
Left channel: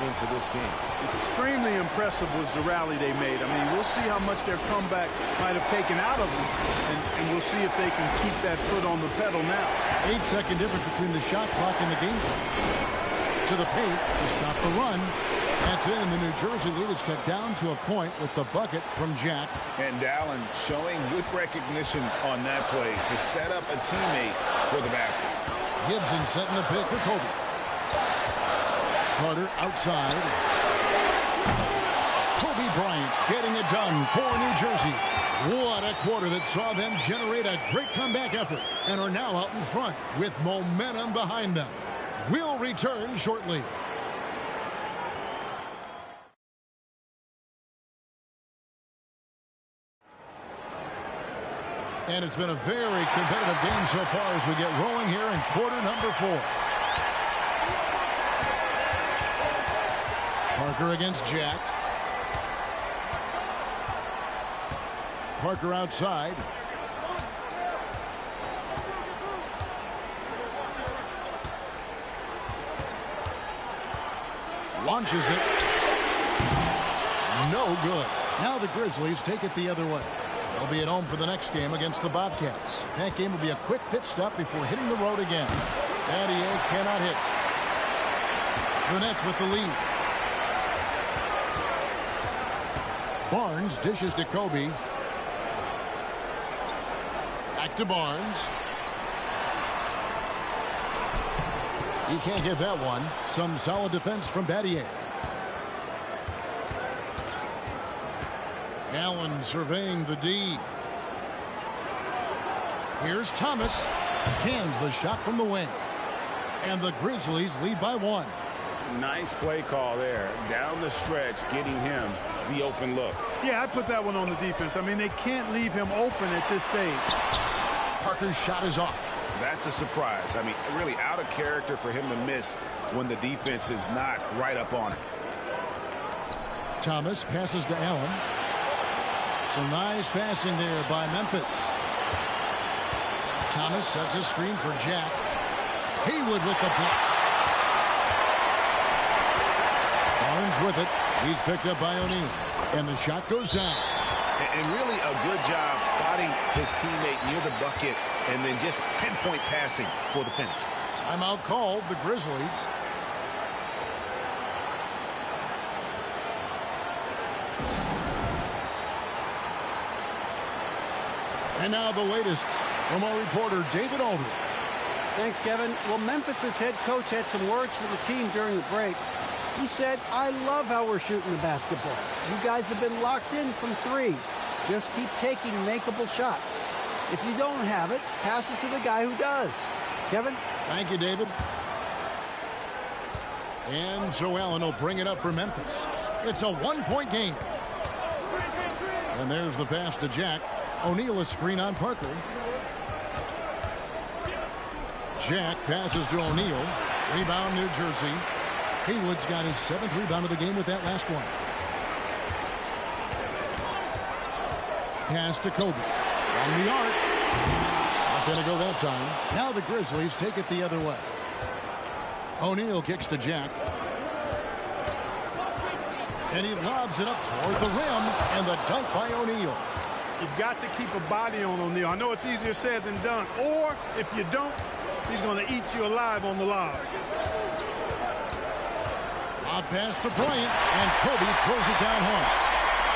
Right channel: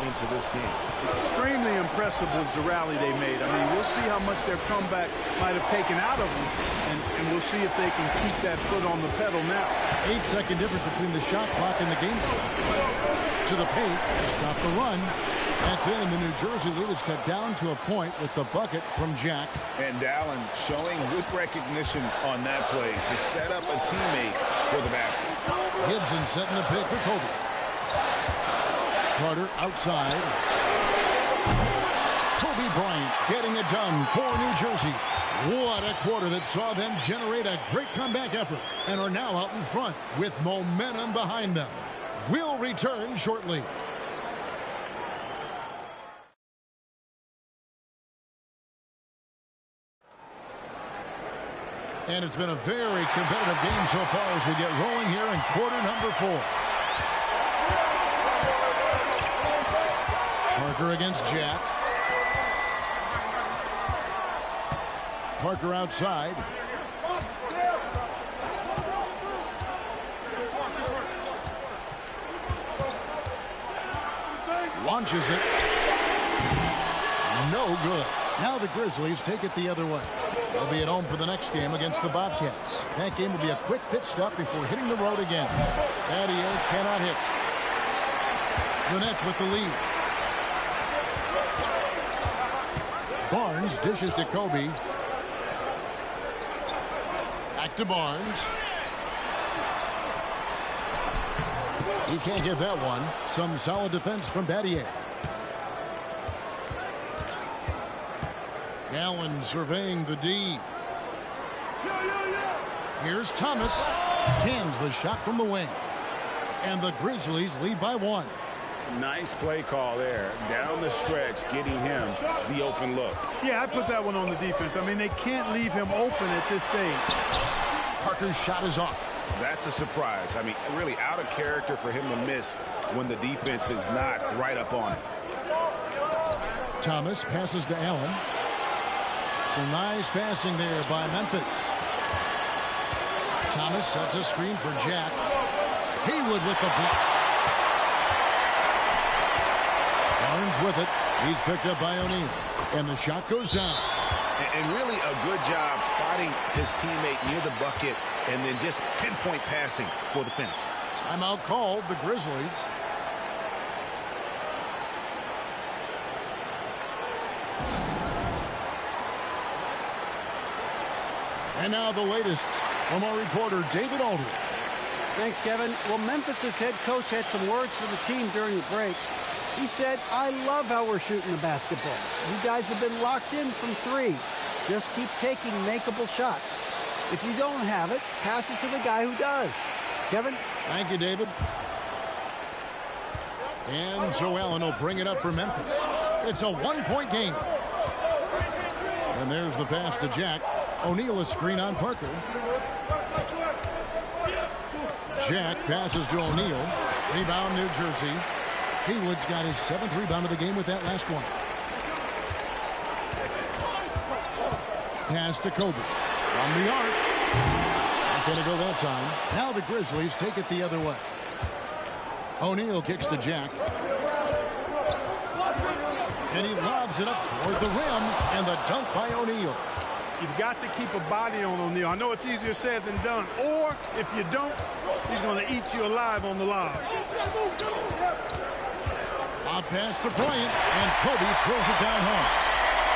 into this game. Extremely impressive was the rally they made. I mean, we'll see how much their comeback might have taken out of them, and we'll see if they can keep that foot on the pedal now. 8-second difference between the shot clock and the game clock. To the paint to stop the run. That's in, and the New Jersey lead is cut down to a point with the bucket from Jack. And Allen showing good recognition on that play to set up a teammate for the basket. Gibson setting the pick for Kobe. Carter outside. Kobe Bryant getting it done for New Jersey. What a quarter that saw them generate a great comeback effort and are now out in front with momentum behind them. We'll return shortly. And it's been a very competitive game so far as we get rolling here in quarter number 4. Parker against Jack. Parker outside. Launches it. No good. Now the Grizzlies take it the other way. They'll be at home for the next game against the Bobcats. That game will be a quick pit stop before hitting the road again. Battier cannot hit. The Nets with the lead. Barnes dishes to Kobe. Back to Barnes. He can't get that one. Some solid defense from Battier. Allen surveying the D. Here's Thomas. Cans the shot from the wing. And the Grizzlies lead by 1. Nice play call there. Down the stretch, getting him the open look. Yeah, I put that one on the defense. I mean, they can't leave him open at this stage. Parker's shot is off. That's a surprise. I mean, really out of character for him to miss when the defense is not right up on it. Thomas passes to Allen. Some nice passing there by Memphis. Thomas sets a screen for Jack. Haywood with the block. Barnes with it. He's picked up by O'Neal. And the shot goes down. And really a good job spotting his teammate near the bucket and then just pinpoint passing for the finish. Timeout called, the Grizzlies. And now the latest from our reporter, David Aldridge. Thanks, Kevin. Well, Memphis's head coach had some words for the team during the break. He said, "I love how we're shooting the basketball. You guys have been locked in from 3. Just keep taking makeable shots. If you don't have it, pass it to the guy who does." Kevin? Thank you, David. And so Allen will bring it up for Memphis. It's a one-point game. And there's the pass to Jack. O'Neal a screen on Parker. Jack passes to O'Neal. Rebound, New Jersey. Haywood's got his 7th rebound of the game with that last one. Pass to Kobe. From the arc. Not going to go that time. Now the Grizzlies take it the other way. O'Neal kicks to Jack. And he lobs it up toward the rim. And the dunk by O'Neal. You've got to keep a body on O'Neal. I know it's easier said than done. Or if you don't, he's going to eat you alive on the lob. Lob pass to Bryant. And Kobe throws it down hard.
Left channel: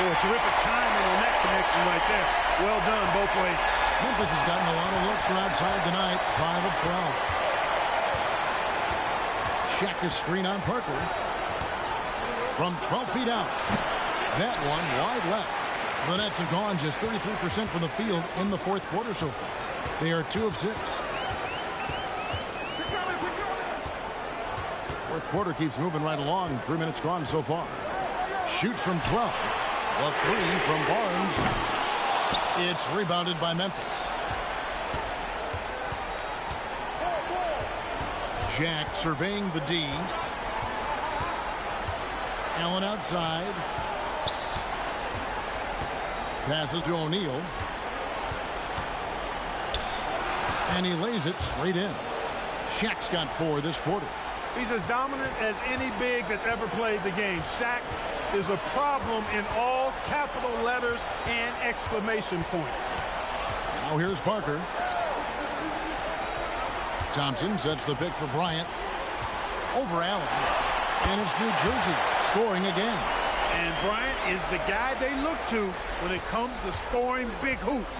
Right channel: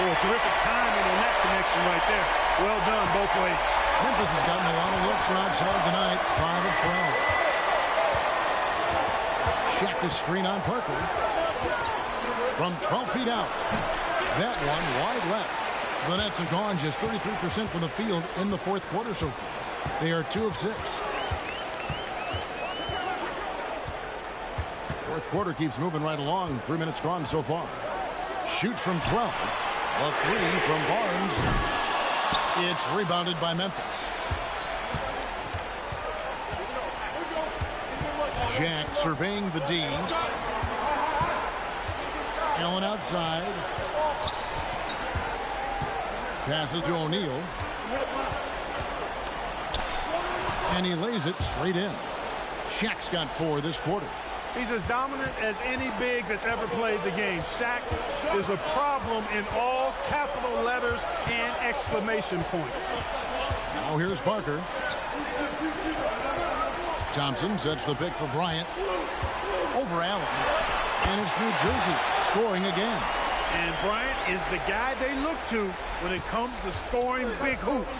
Oh, terrific timing on that connection right there. Well done both ways. Memphis has gotten a lot of looks from outside tonight. 5 of 12. Shaq is screen on Parker. From 12 feet out. That one wide left. The Nets have gone just 33% from the field in the 4th quarter so far. They are 2 of 6. 4th quarter keeps moving right along. 3 minutes gone so far. Shoots from 12. A 3 from Barnes. It's rebounded by Memphis. Jack surveying the D. Allen outside. Passes to O'Neal. And he lays it straight in. Shaq's got 4 this quarter. He's as dominant as any big that's ever played the game. Shaq is a problem in all capital letters and exclamation points. Now here's Parker. Thompson sets the pick for Bryant. Over Allen. And it's New Jersey scoring again. And Bryant is the guy they look to when it comes to scoring big hoops.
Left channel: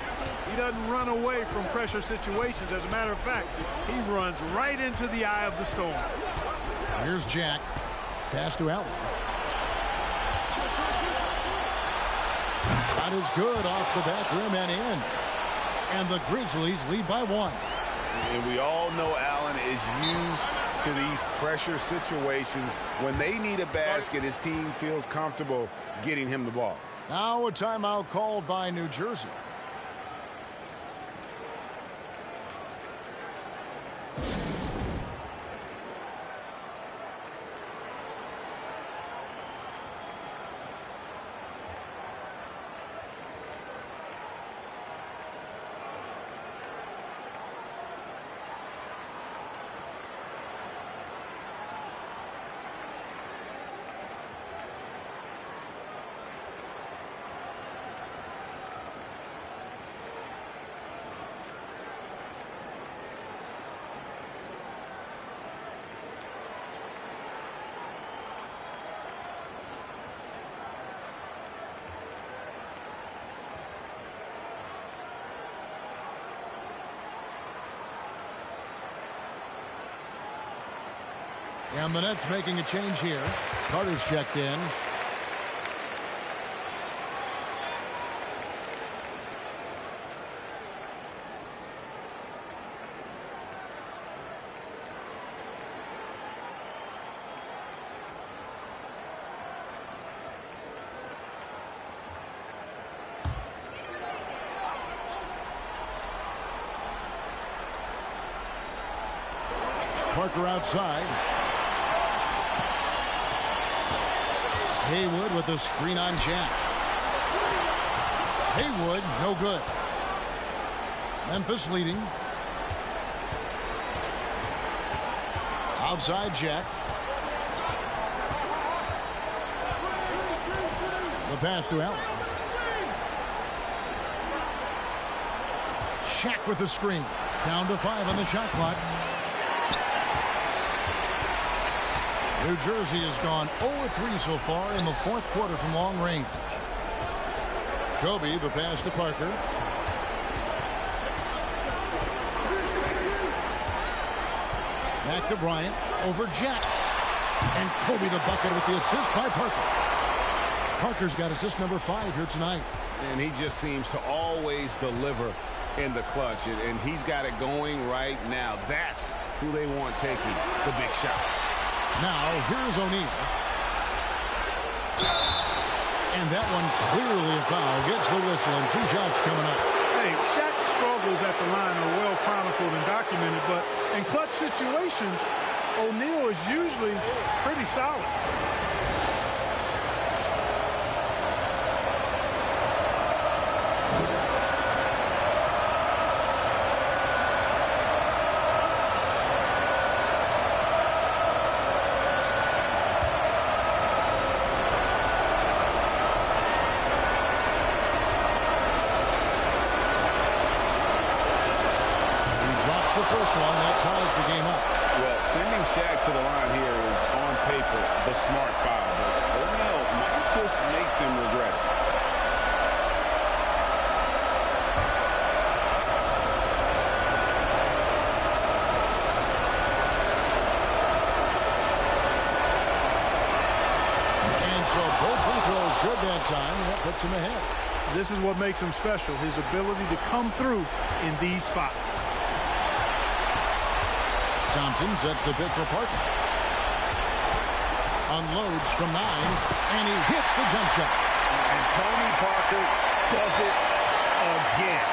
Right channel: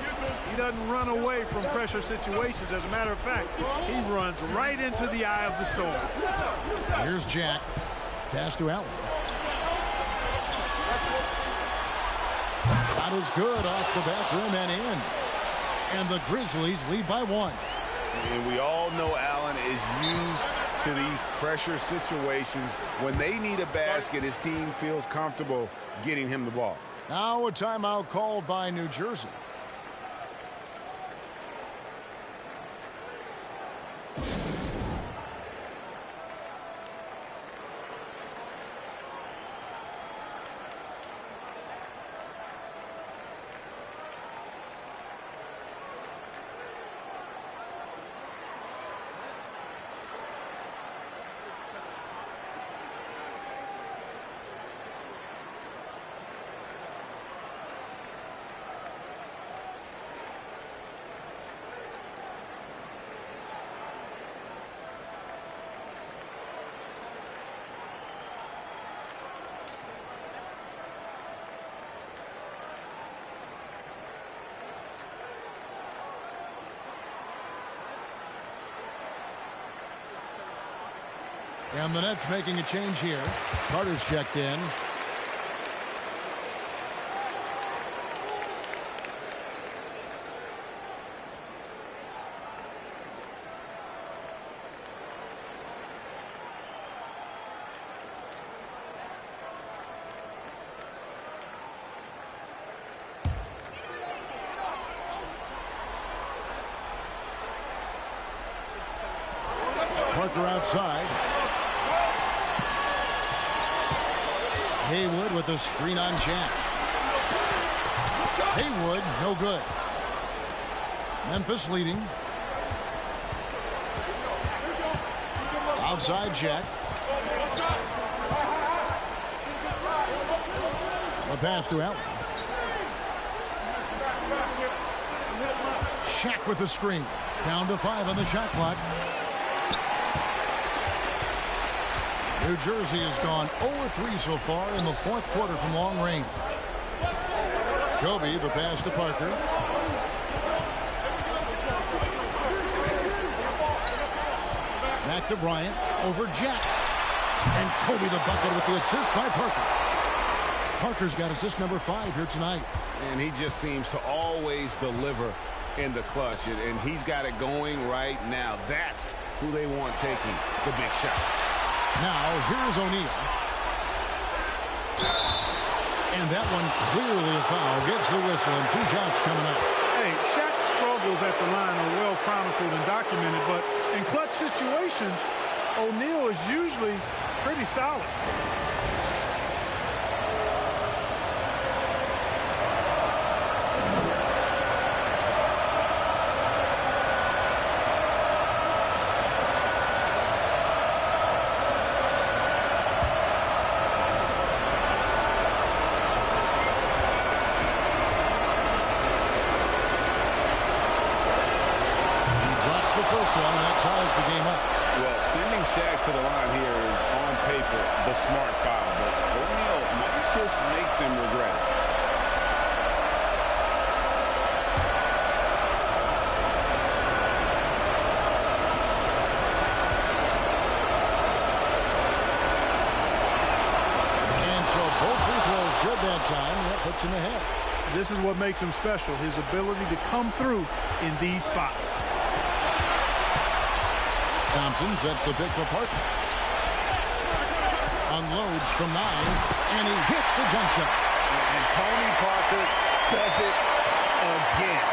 He doesn't run away from pressure situations. As a matter of fact, he runs right into the eye of the storm. Here's Jack. Pass to Allen. Shot is good off the back rim and in. And the Grizzlies lead by 1. And we all know Allen is used to these pressure situations. When they need a basket, his team feels comfortable getting him the ball. Now a timeout called by New Jersey. And the Nets making a change here. Carter's checked in. Parker outside. Haywood with a screen on Jack. Haywood, no good. Memphis leading. Outside Jack. The pass to Allen. Shaq with the screen. Down to 5 on the shot clock. New Jersey has gone 0-3 so far in the 4th quarter from long range. Kobe, the pass to Parker. Back to Bryant. Over Jack. And Kobe the bucket with the assist by Parker. Parker's got assist number 5 here tonight. And he just seems to always deliver in the clutch. And he's got it going right now. That's who they want taking the big shot. Now, here's O'Neal. And that one clearly a foul. Gets the whistle, and 2 shots coming up. Hey, Shaq's struggles at the line are well chronicled and documented, but in clutch situations, O'Neal is usually pretty solid. Drops the first one, and that ties the game up. Well, sending Shaq to the line here is, on paper, the smart foul, but O'Neal might just make them regret it. And so both free throws good that time, and that puts him ahead. This is what makes him special, his ability to come through in these spots. Thompson sets the pick for Parker. Unloads from 9, and he hits the jump shot. And Tony Parker does it again.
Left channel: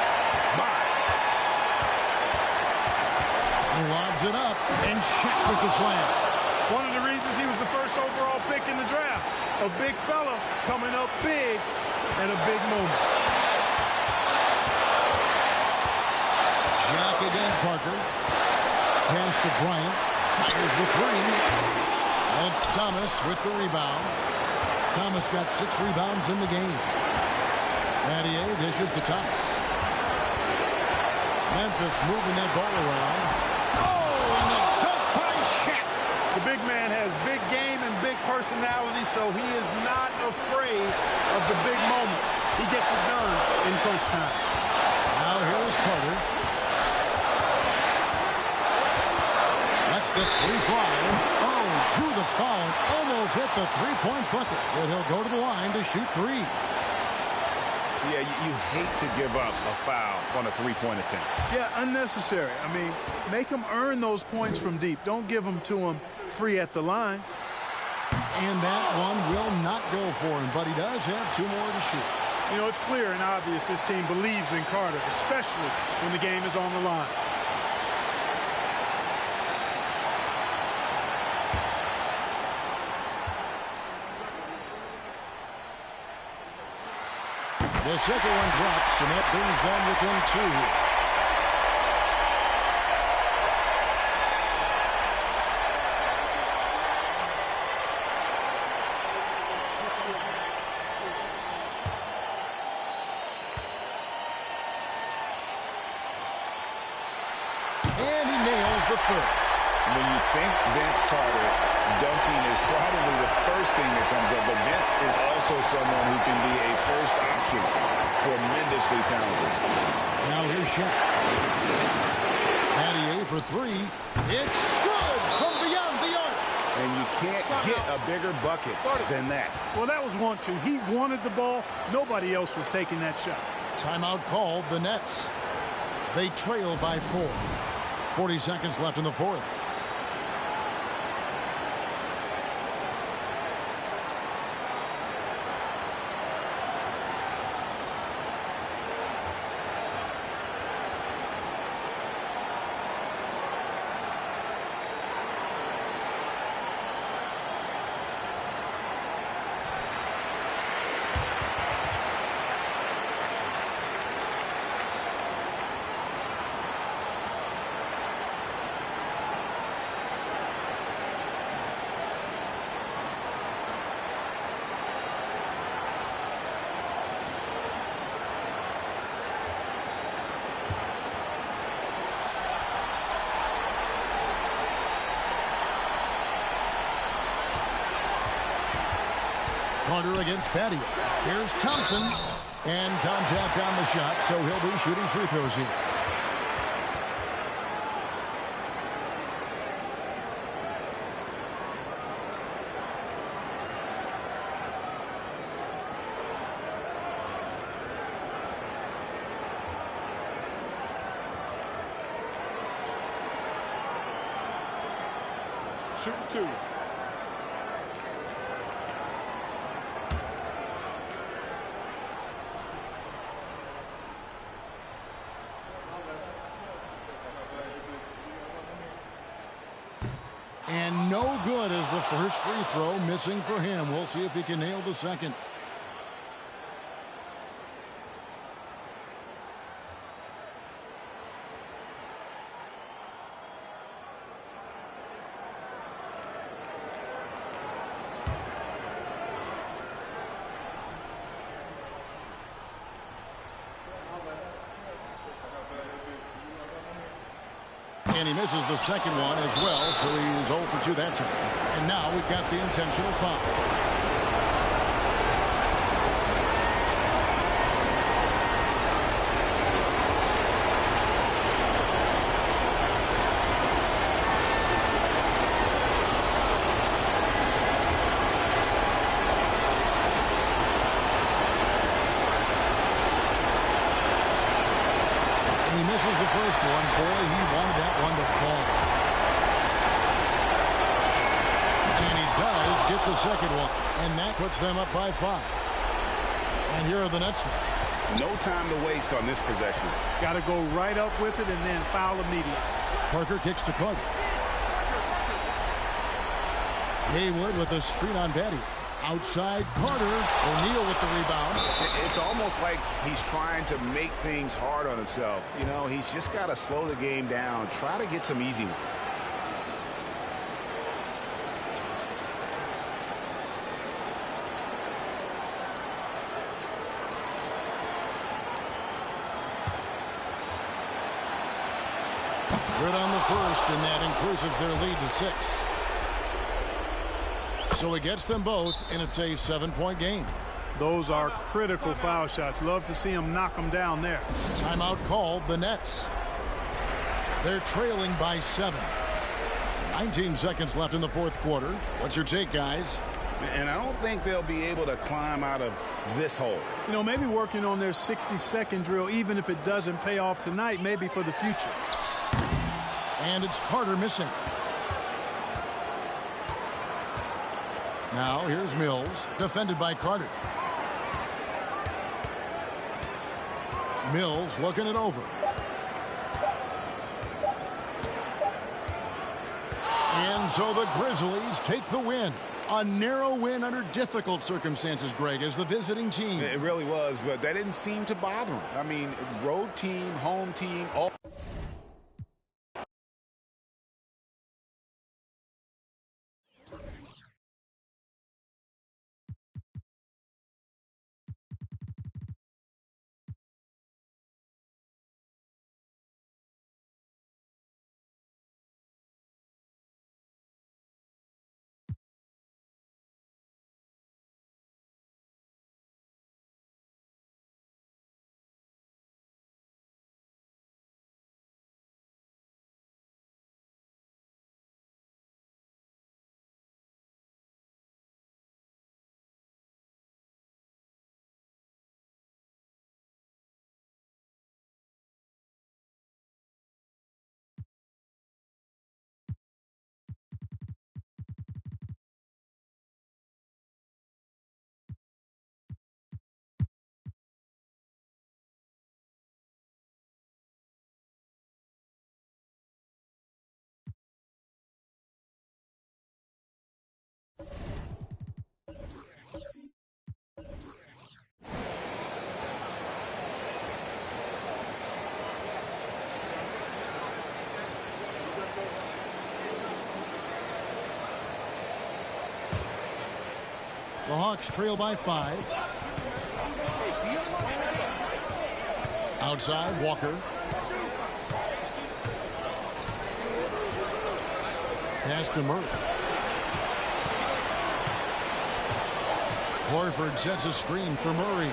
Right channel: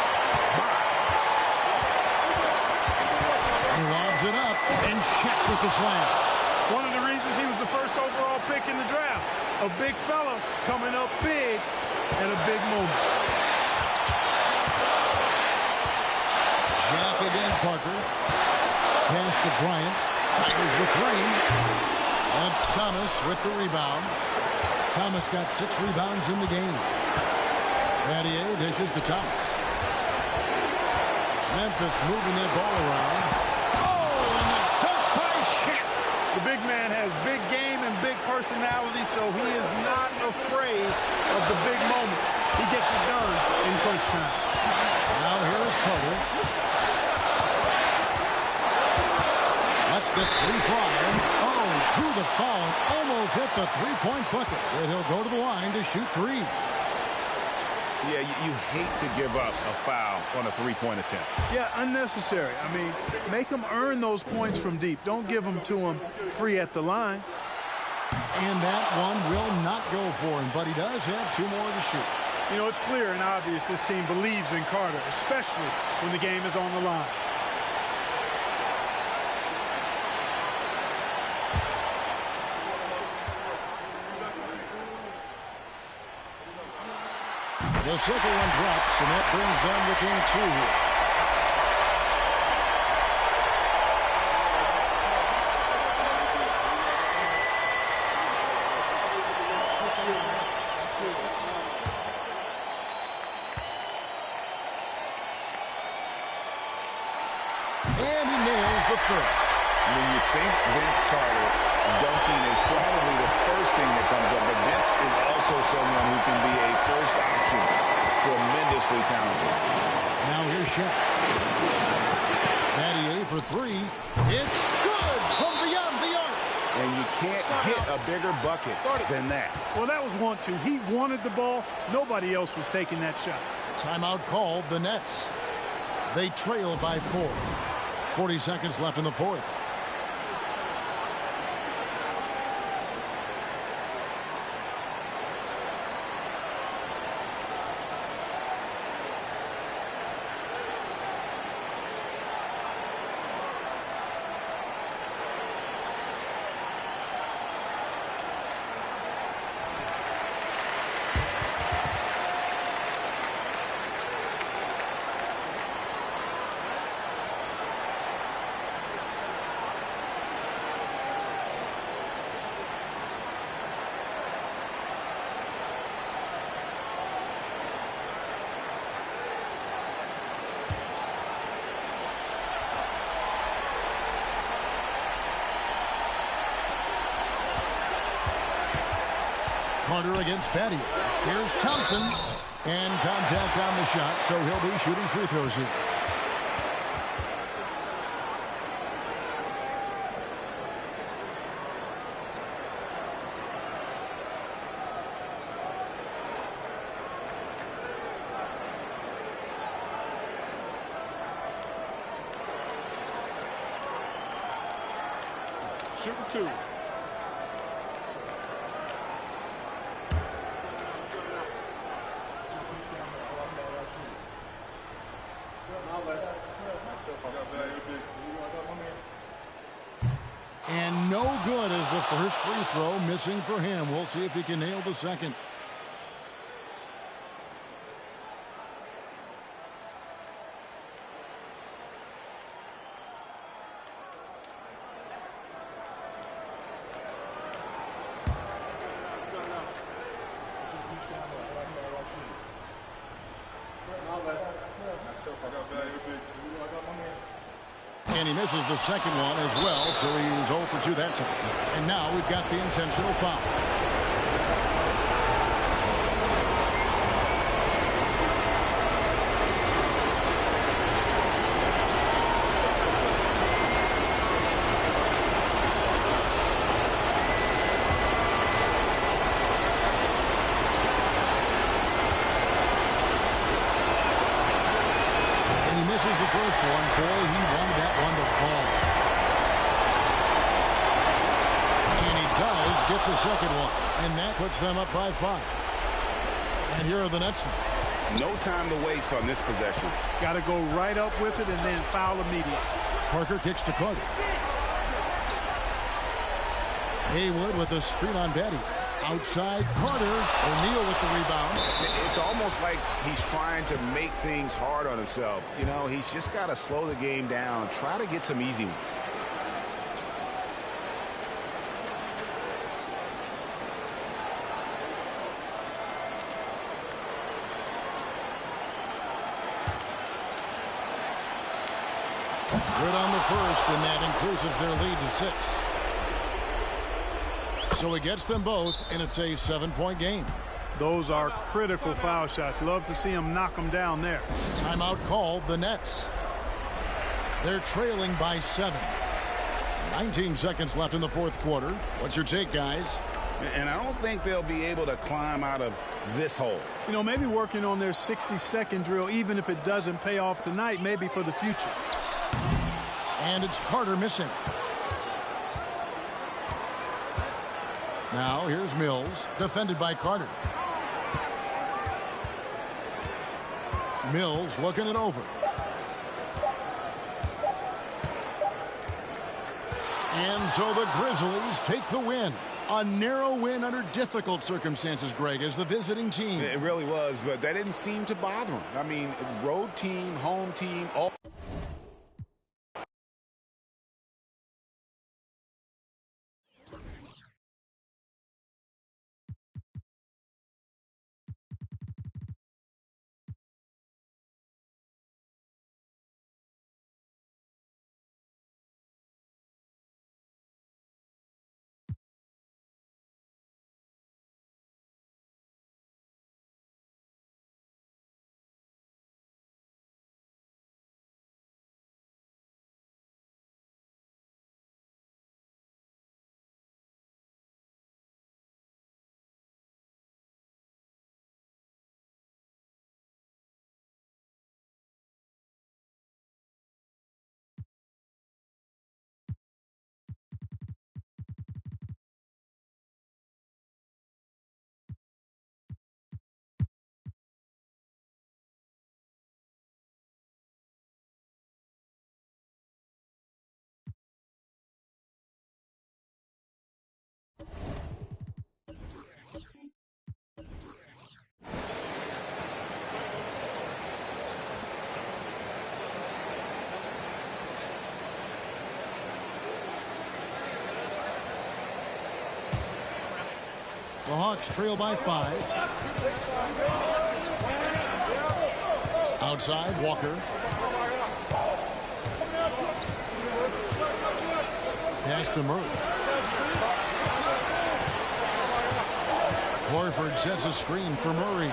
He lobs it up, and Shaq with the slam. One of the reasons he was the first overall pick in the draft. A big fella coming up big at a big moment. Shaq against Parker. Pass to Bryant. Fires the 3. That's Thomas with the rebound. Thomas got 6 rebounds in the game. Battier dishes to Thomas. Memphis moving that ball around. Oh, and the dunk by Shaq. The big man has big game and big personality, so he is not afraid of the big moments. He gets it done in crunch time. Now here is Carter. That's the 3 fly. Oh, drew the foul and almost hit the 3-point bucket. But he'll go to the line to shoot 3. Yeah, you hate to give up a foul on a 3-point attempt. Yeah, unnecessary. I mean, make them earn those points from deep. Don't give them to them free at the line. And that one will not go for him, but he does have 2 more to shoot. You know, it's clear and obvious this team believes in Carter, especially when the game is on the line. The second one drops, and that brings them within 2 here. And he nails the 3rd. When you think Vince Carter, dunking is probably the first thing that comes up, but Vince is also someone who can be a first option. Tremendously talented. Now here's Shaq. Battier for 3. It's good from beyond the arc. And you can't get a bigger bucket than that. Well, that was 1-2. He wanted the ball. Nobody else was taking that shot. Timeout called the Nets. They trail by 4. 40 seconds left in the 4th. Carter against Battier. Here's Thompson. And contact on the shot, so he'll be shooting free throws here. Shooting 2. good as the first free throw missing for him. We'll see if he can nail the second. And he misses the second one as well, so he is 0 for 2 that time. And now we've got the intentional foul. He misses the first one. Boy, he wanted that one to fall. And he does get the second one. And that puts them up by 5. And here are the Nets now. No time to waste on this possession. Got to go right up with it and then foul immediately. Parker kicks to Carter. Haywood with a screen on Betty. Outside Carter. O'Neal with the rebound. It's almost like he's trying to make things hard on himself. You know, he's just got to slow the game down. Try to get some easy ones. Good on the first, and that increases their lead to 6. So he gets them both, and it's a 7-point game. Those are critical foul shots. Love to see him knock them down there. Timeout called, the Nets. They're trailing by 7. 19 seconds left in the fourth quarter. What's your take, guys? And I don't think they'll be able to climb out of this hole. You know, maybe working on their 60-second drill, even if it doesn't pay off tonight, maybe for the future. And it's Carter missing. Now here's Mills, defended by Carter. Mills looking it over. And so the Grizzlies take the win. A narrow win under difficult circumstances, Greg, as the visiting team. It really was, but that didn't seem to bother him. I mean, road team, home team, all. The Hawks trail by 5. Outside, Walker. Pass to Murray. Horford sets a screen for Murray.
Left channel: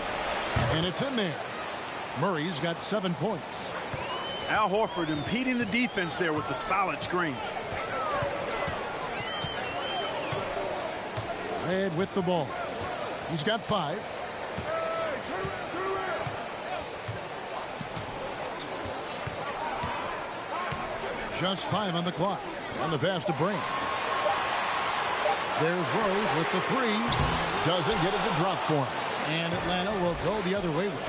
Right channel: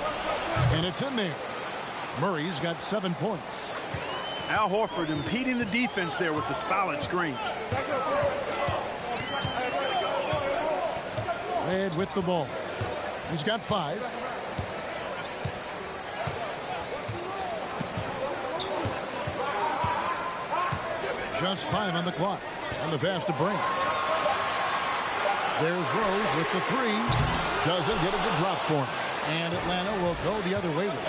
And it's in there. Murray's got 7 points. Al Horford impeding the defense there with the solid screen. Red with the ball. He's got 5. Just 5 on the clock. On the pass to Brand. There's Rose with the 3. Doesn't get it to drop for him. And Atlanta will go the other way with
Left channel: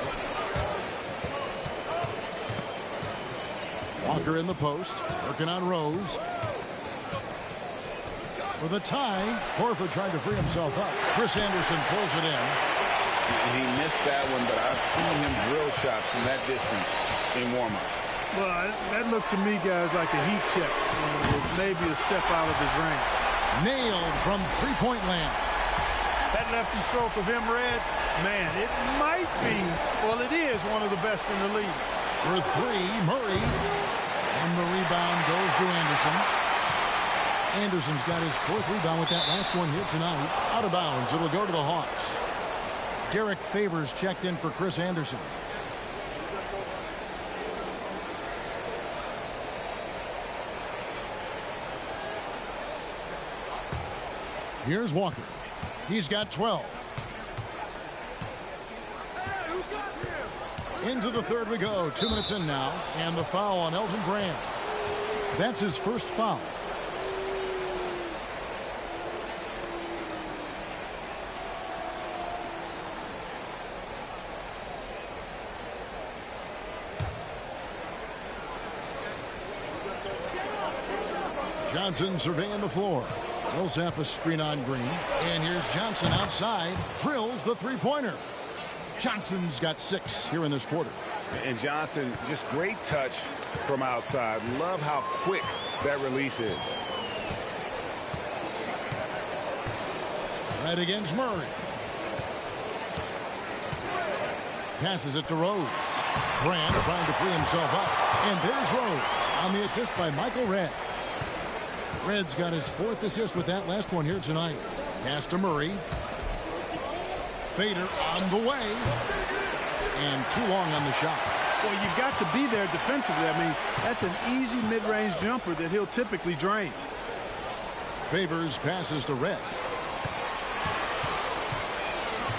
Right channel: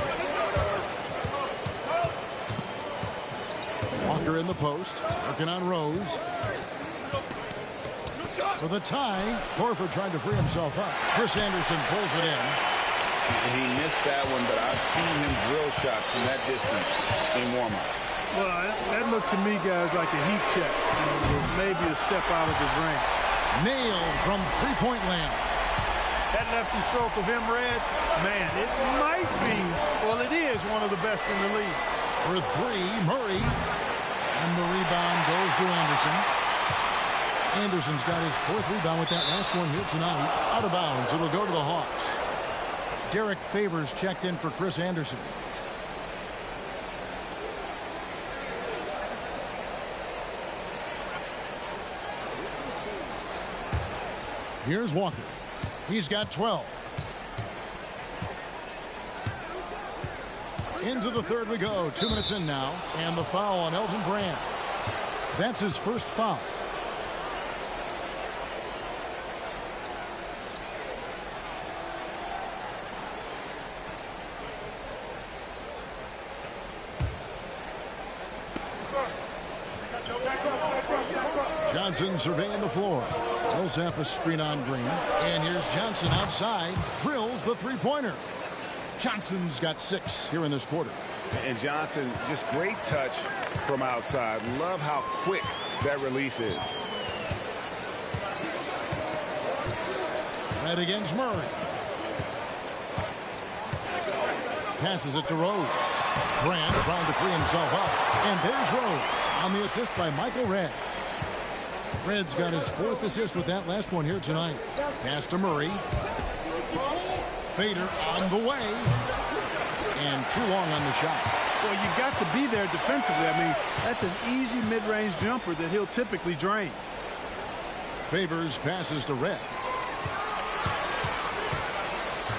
it. Walker in the post. Working on Rose. for the tie. Horford trying to free himself up. Chris Anderson pulls it in. He missed that one, but I've seen him drill shots from that distance in warm-up. Well, that looked to me, guys, like a heat check. With maybe a step out of his range. Nailed from three-point land. That lefty stroke of Reds, man, it might be, well, it is one of the best in the league. For three, Murray. And the rebound goes to Anderson. Anderson's got his fourth rebound with that last one here tonight. Out of bounds. It'll go to the Hawks. Derek Favors checked in for Chris Anderson. Here's Walker. He's got 12. Into the third we go. 2 minutes in now. And the foul on Elton Brand. That's his first foul. Johnson surveying the floor. Millsap a screen on Green. And here's Johnson outside. Drills the three-pointer. Johnson's got 6 here in this quarter. And Johnson, just great touch from outside. Love how quick that release is. Right against Murray. Passes it to Rose. Brand trying to free himself up. And there's Rose on the assist by Michael Redd. Red's got his 4th assist with that last one here tonight. Pass to Murray. Fader on the way. And too long on the shot. Well, you've got to be there defensively. I mean, that's an easy mid-range jumper that he'll typically drain. Favors passes to Redd.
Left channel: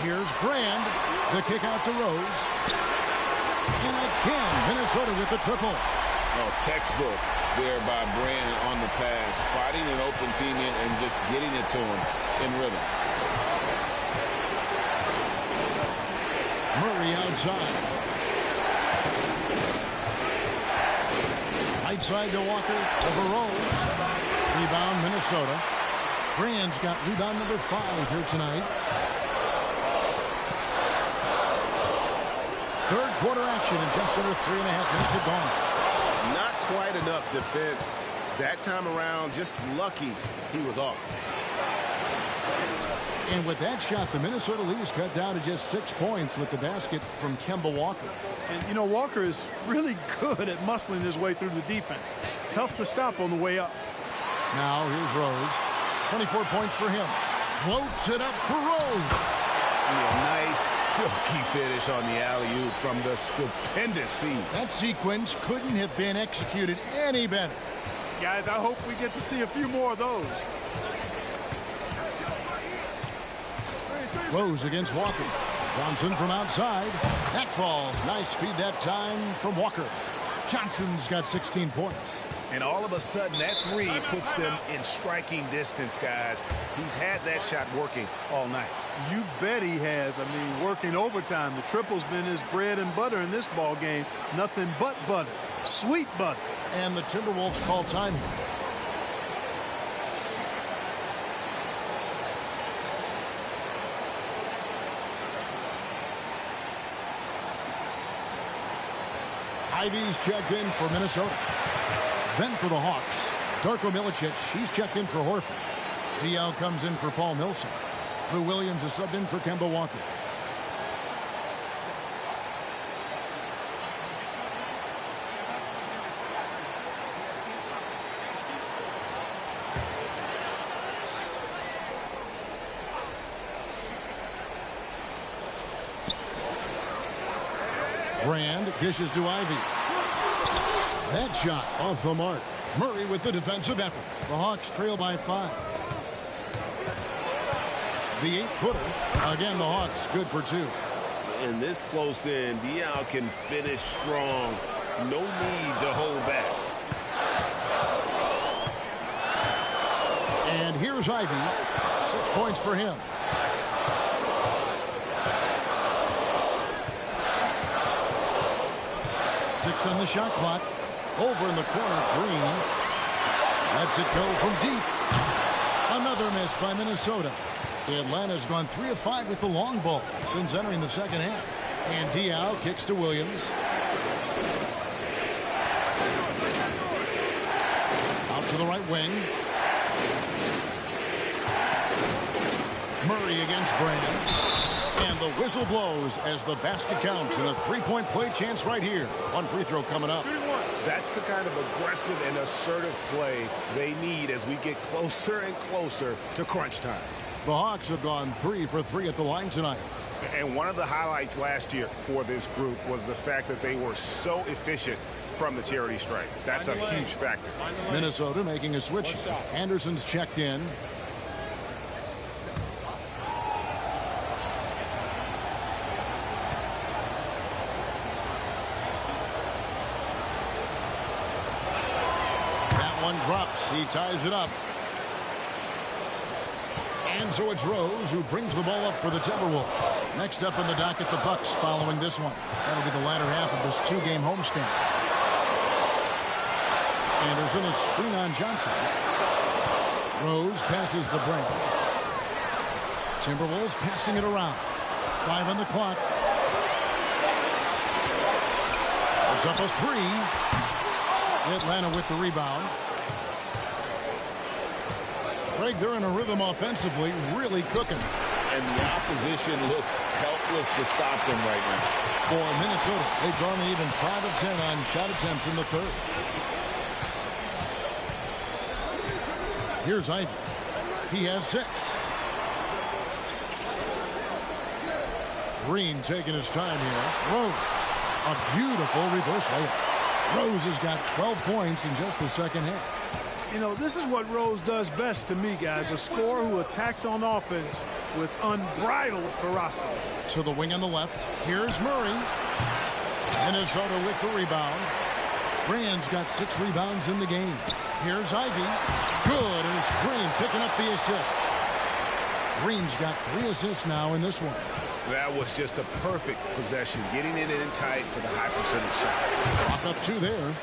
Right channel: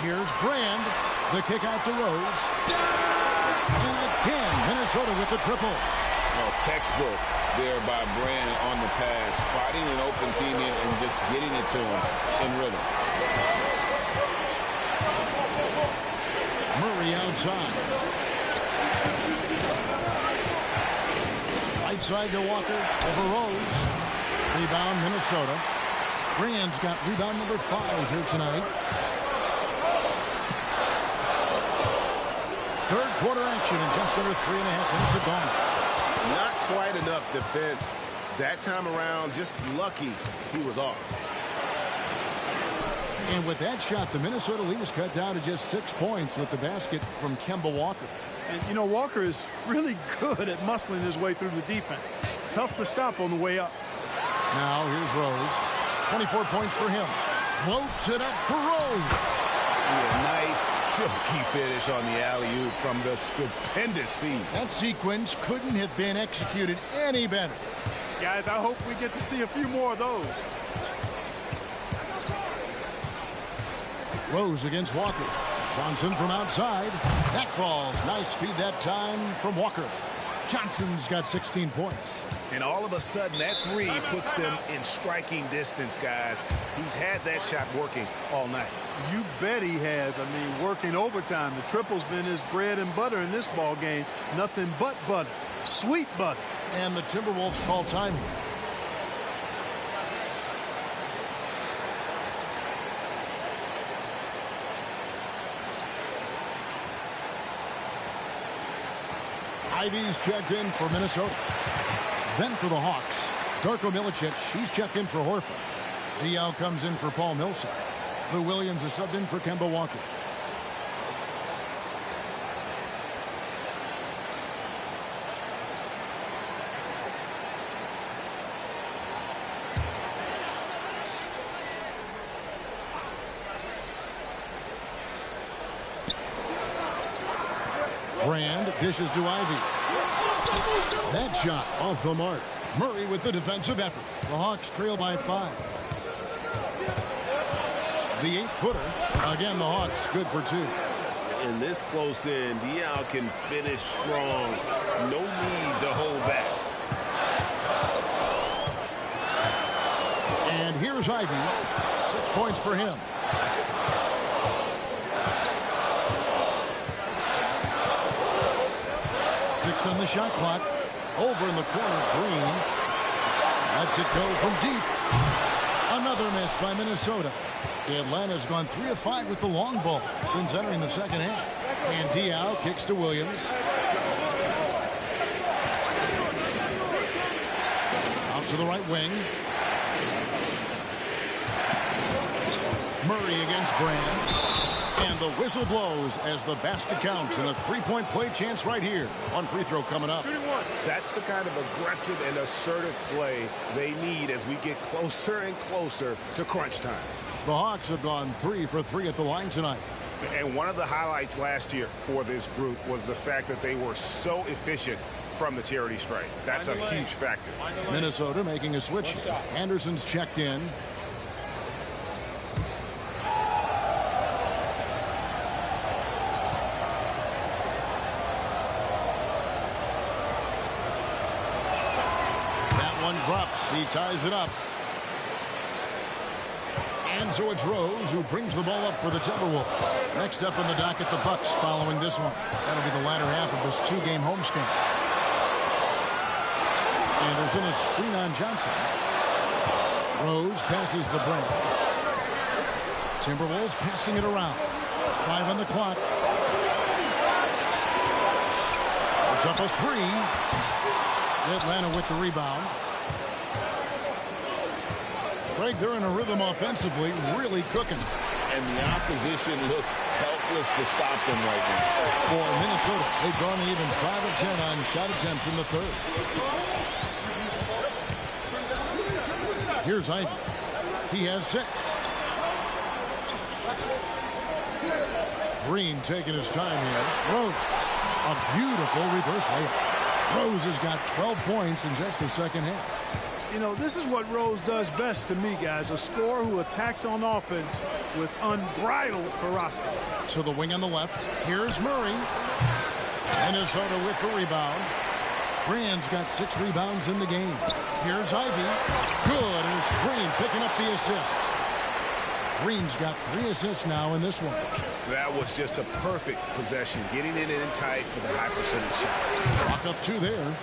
Here's Brand. The kick out to Rose. And again, Minnesota with the triple. Oh, textbook there by Brand on the pass. Spotting an open teammate and just getting it to him in rhythm. Murray outside. Right side to Walker. Over Rose. Rebound Minnesota. Brand's got rebound number 5 here tonight. Third quarter action in just under 3.5 minutes have gone. Not quite enough defense that time around. Just lucky he was off. And with that shot, the Minnesota lead is cut down to just 6 points with the basket from Kemba Walker. And, you know, Walker is really good at muscling his way through the defense. Tough to stop on the way up. Now here's Rose. 24 points for him. Floats it up for Rose. Yeah, nice silky finish on the alley-oop from the stupendous feed. That sequence couldn't have been executed any better. Guys, I hope we get to see a few more of those. Rose against Walker. Johnson from outside. That falls. Nice feed that time from Walker. Johnson's got 16 points. And all of a sudden, that three puts them in striking distance, guys. He's had that shot working all night. You bet he has. I mean, working overtime. The triple's been his bread and butter in this ball game. Nothing but butter. Sweet butter. And the Timberwolves call time here. Ivy's checked in for Minnesota. Then for the Hawks, Darko Milicic, he's checked in for Horford. DL comes in for Paul Millsap. Lou Williams is subbed in for Kemba Walker. Brand dishes to Ivy. That shot off the mark. Murray with the defensive effort. The Hawks trail by 5. The 8-footer. Again, the Hawks good for 2. In this close in, Dial can finish strong. No need to hold back. And here's Ivy. 6 points for him. Six on the shot clock. Over in the corner, Green lets it go from deep. Another miss by Minnesota. Atlanta's gone 3 of 5 with the long ball since entering the second half. And Diao kicks to Williams. Out to the right wing. Murray against Brand. And the whistle blows as the basket counts and a three-point play chance right here. One free throw coming up. That's the kind of aggressive and assertive play they need as we get closer and closer to crunch time. The Hawks have gone 3 for 3 at the line tonight. And one of the highlights last year for this group was the fact that they were so efficient from the charity stripe. That's a huge factor. Minnesota making a switch. Anderson's checked in. That one drops. He ties it up. And so it's Rose who brings the ball up for the Timberwolves. Next up in the docket, the Bucks following this one. That'll be the latter half of this 2-game homestand. Anderson, a screen on Johnson. Rose passes to Brand. Timberwolves passing it around. 5 on the clock. It's up a 3. Atlanta with the rebound. Greg, they're in a rhythm offensively, really cooking. And the opposition looks helpless to stop them right now. For Minnesota, they've gone even 5 of 10 on shot attempts in the third. Here's Ivy. He has 6. Green taking his time here. Rose, a beautiful reverse layup. Rose has got 12 points in just the second half. You know, this is what Rose does best to me, guys. A scorer who attacks on offense with unbridled ferocity. To the wing on the left. Here's Murray. Minnesota with the rebound. Brand's got 6 rebounds in the game. Here's Ivy. Good, and it's Green picking up the assist. Green's got 3 assists now in this one. That was just a perfect possession, getting it in tight for the high percentage shot. Chalk up 2 there.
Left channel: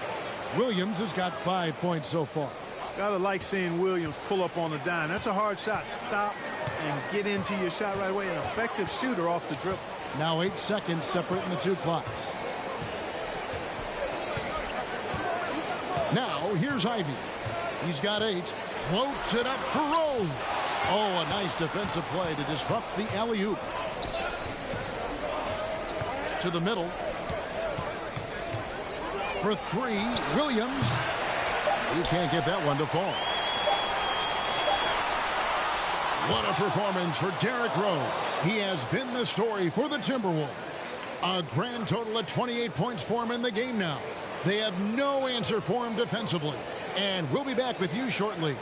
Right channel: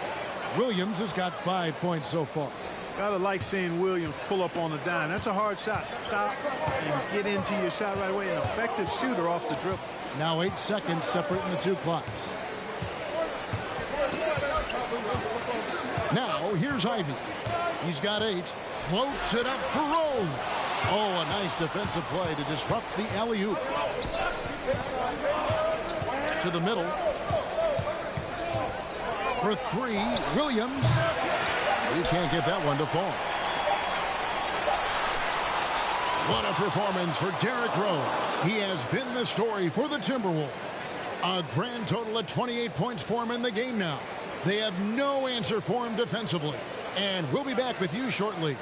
Williams has got 5 points so far. Gotta like seeing Williams pull up on a dime. That's a hard shot. Stop and get into your shot right away. An effective shooter off the dribble. Now 8 seconds separating the 2 clocks. Now here's Ivy. He's got 8. Floats it up for Rose. Oh, a nice defensive play to disrupt the alley-oop. To the middle. For 3, Williams. He can't get that one to fall. What a performance for Derrick Rose. He has been the story for the Timberwolves. A grand total of 28 points for him in the game now. They have no answer for him defensively. And we'll be back with you shortly.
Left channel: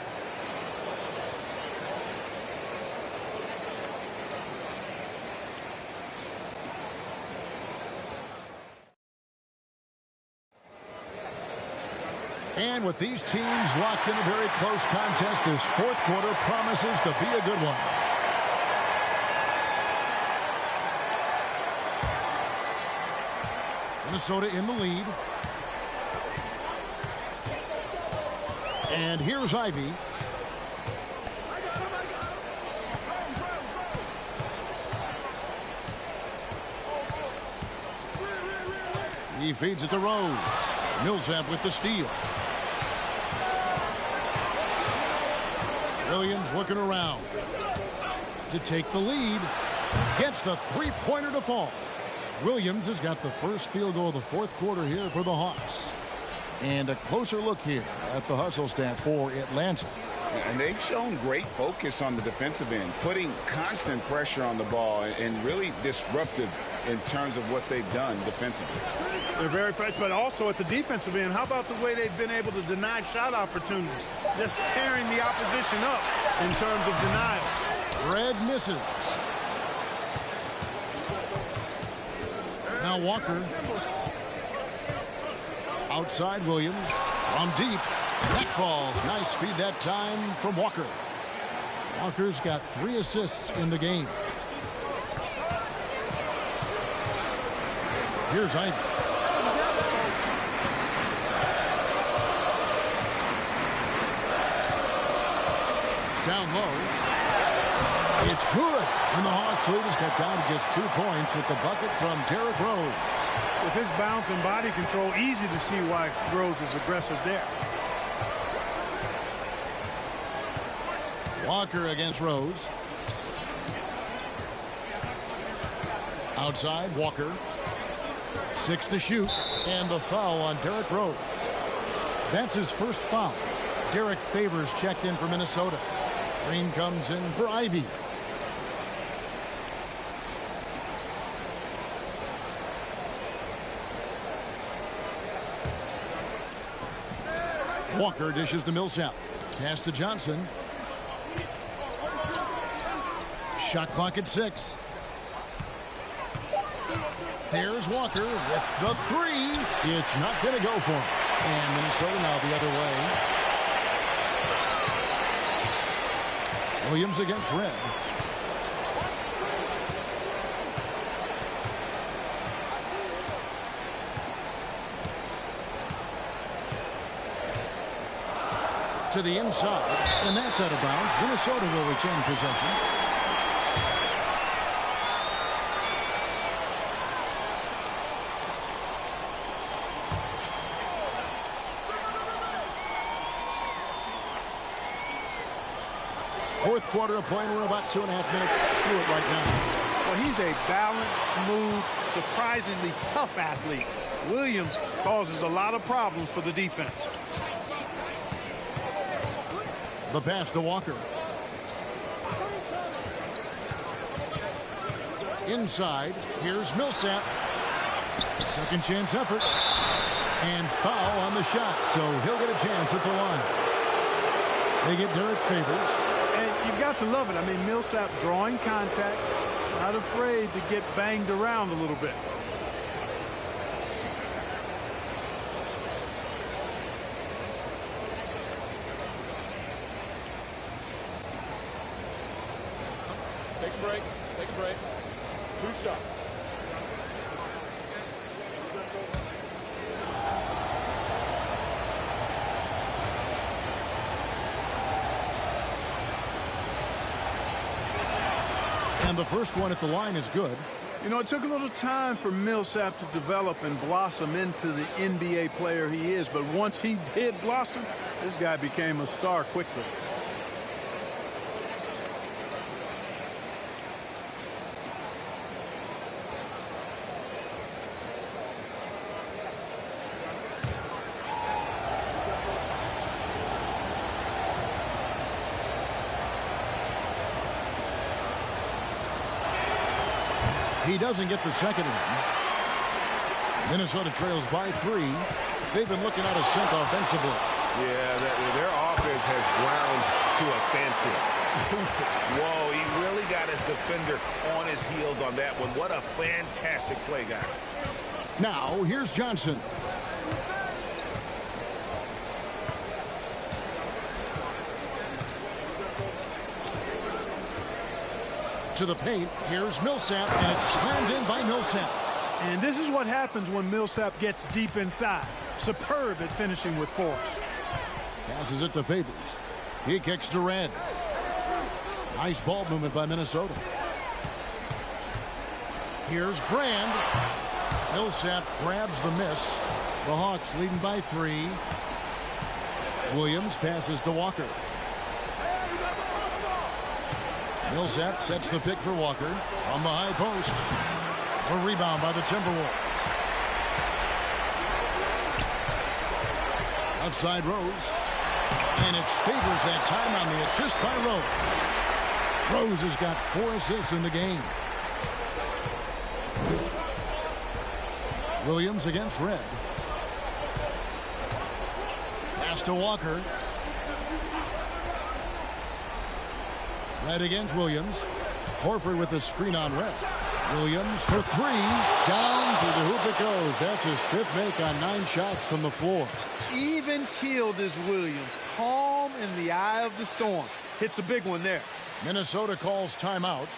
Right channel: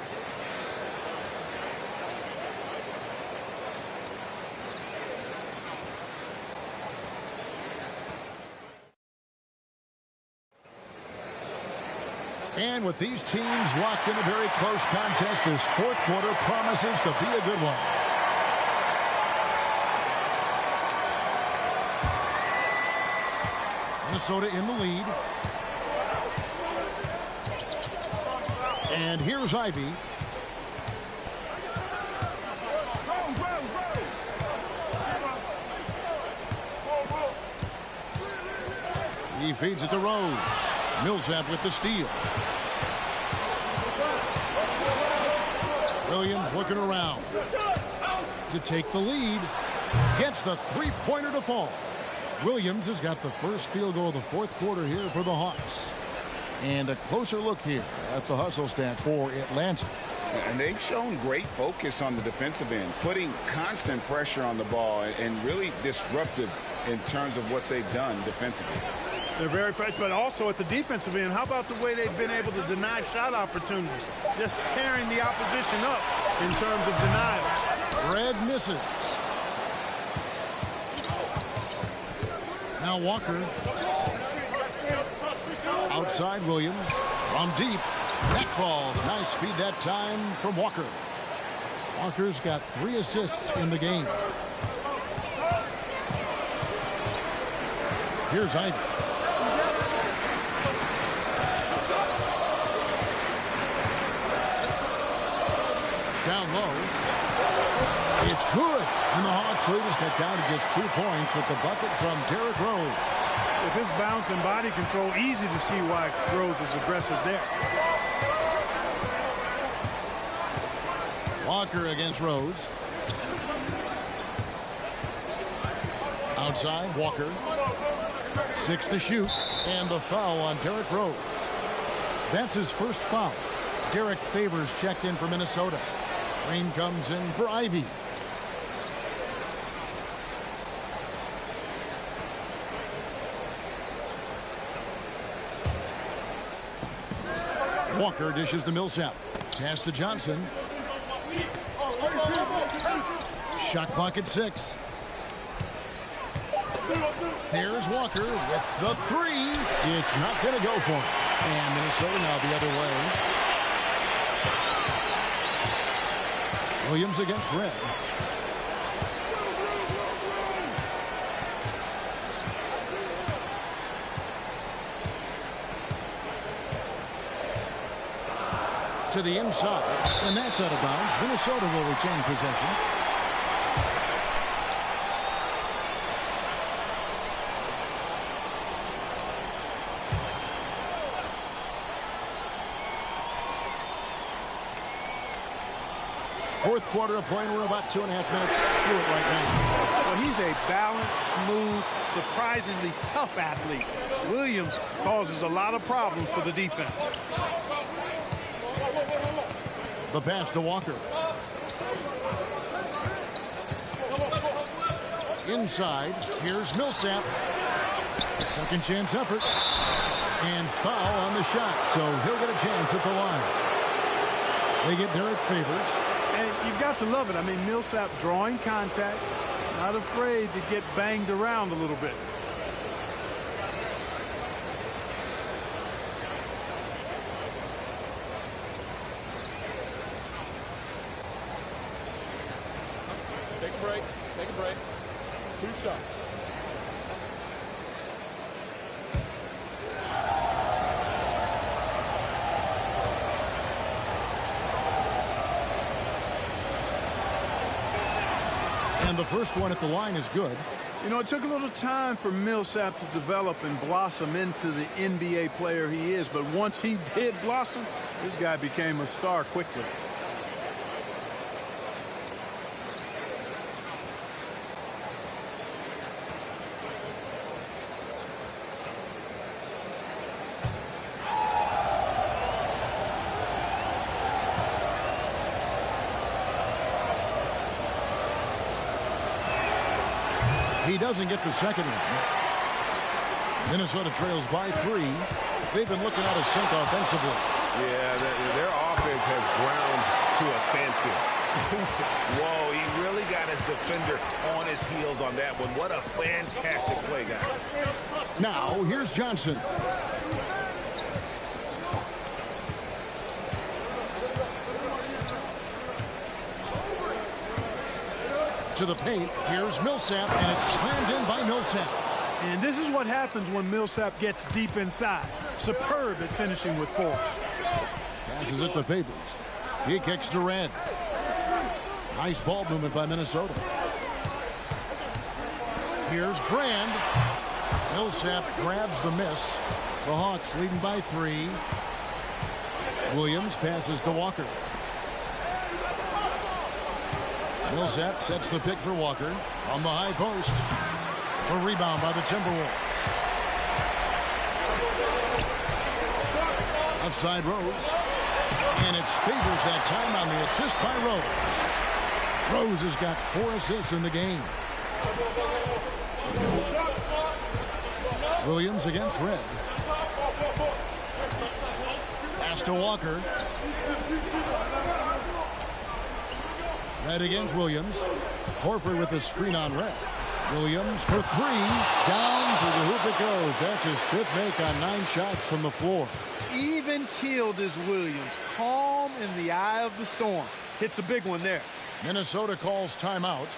And with these teams locked in a very close contest, this 4th quarter promises to be a good one. Minnesota in the lead. And here's Ivy. He feeds it to Rose. Millsap with the steal. Williams looking around to take the lead. Gets the 3-pointer to fall. Williams has got the first field goal of the 4th quarter here for the Hawks. And a closer look here at the hustle stats for Atlanta. And they've shown great focus on the defensive end, putting constant pressure on the ball and really disruptive in terms of what they've done defensively. They're very fresh, but also at the defensive end, how about the way they've been able to deny shot opportunities? Just tearing the opposition up in terms of denials. Red misses. Now Walker. Outside Williams. From deep. That falls. Nice feed that time from Walker. Walker's got 3 assists in the game. Here's Ivy. Down low. It's good. And the Hawks lead is cut down to just 2 points with the bucket from Derrick Rose. With his bounce and body control, easy to see why Rose is aggressive there. Walker against Rose. Outside, Walker. 6 to shoot. And the foul on Derrick Rose. That's his first foul. Derek Favors checked in for Minnesota. Green comes in for Ivy. Walker dishes to Millsap. Pass to Johnson. Shot clock at 6. There's Walker with the 3. It's not going to go for him. And Minnesota now the other way. Williams against Red. To the inside, and that's out of bounds. Minnesota will retain possession. Fourth quarter of play, and we're about 2.5 minutes through it right now. Well, he's a balanced, smooth, surprisingly tough athlete. Williams causes a lot of problems for the defense. The pass to Walker. Inside, here's Millsap. Second chance effort. And foul on the shot, so he'll get a chance at the line. They get Derek Favors. And you've got to love it. I mean, Millsap drawing contact, not afraid to get banged around a little bit. Take a break. Take a break. 2 shots. And the first one at the line is good. You know, it took a little time for Millsap to develop and blossom into the NBA player he is. But once he did blossom, this guy became a star quickly. He doesn't get the second one. Minnesota trails by 3. They've been looking out of sync offensively. Yeah, their offense has ground to a standstill. Whoa, he really got his defender on his heels on that one. What a fantastic play, guys. Now, here's Johnson. To the paint, here's Millsap, and it's slammed in by Millsap. And this is what happens when Millsap gets deep inside. Superb at finishing with force. Passes it to Favors. He kicks to Red. Nice ball movement by Minnesota. Here's Brand. Millsap grabs the miss. The Hawks leading by 3. Williams passes to Walker. Millsap sets the pick for Walker from the high post. A rebound by the Timberwolves. Outside Rose. And it's Favors that time on the assist by Rose. Rose has got 4 assists in the game. Williams against Red. Pass to Walker. Red against Williams. Horford with the screen on Red. Williams for 3. Down through the hoop it goes. That's his 5th make on 9 shots from the floor. Even keeled is Williams. Calm in the eye of the storm. Hits a big one there. Minnesota calls timeout.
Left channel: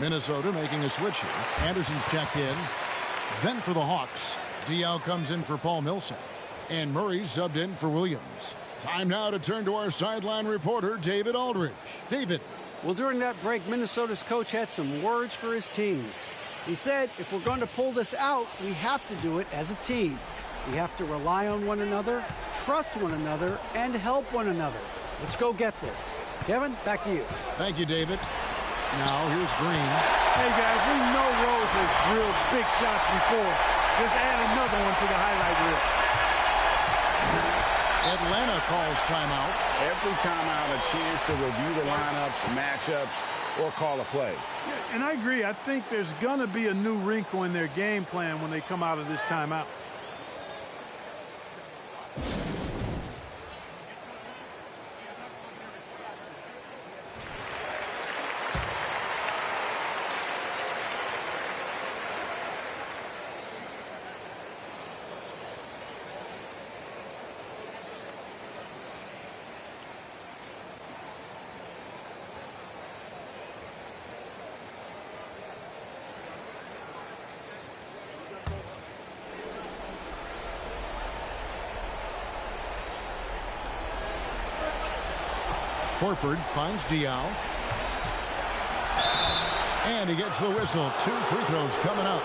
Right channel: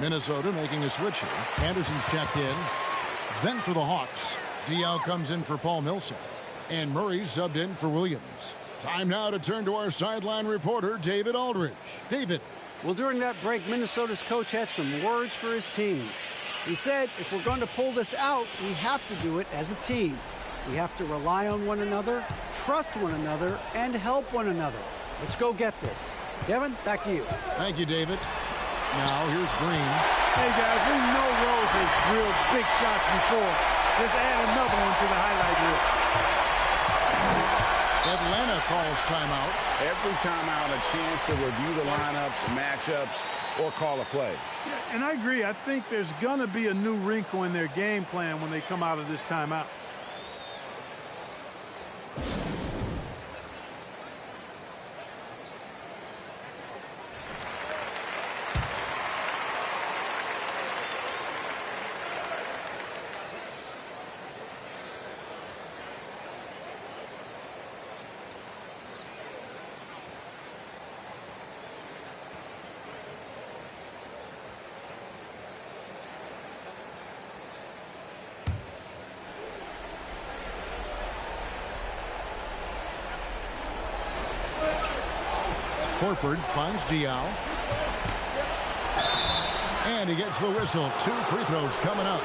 Minnesota making a switch here. Anderson's checked in. Then for the Hawks, Diao comes in for Paul Millsap. And Murray's subbed in for Williams. Time now to turn to our sideline reporter, David Aldridge. David. Well, during that break, Minnesota's coach had some words for his team. He said, if we're going to pull this out, we have to do it as a team. We have to rely on one another, trust one another, and help one another. Let's go get this. Kevin, back to you. Thank you, David. Now, here's Green. Hey, guys, we know Rose has drilled big shots before. Just add another one to the highlight reel. Atlanta calls timeout. Every timeout, a chance to review the lineups, matchups, or call a play. Yeah, and I agree. I think there's going to be a new wrinkle in their game plan when they come out of this timeout. Horford finds Diao. And he gets the whistle. 2 free throws coming up.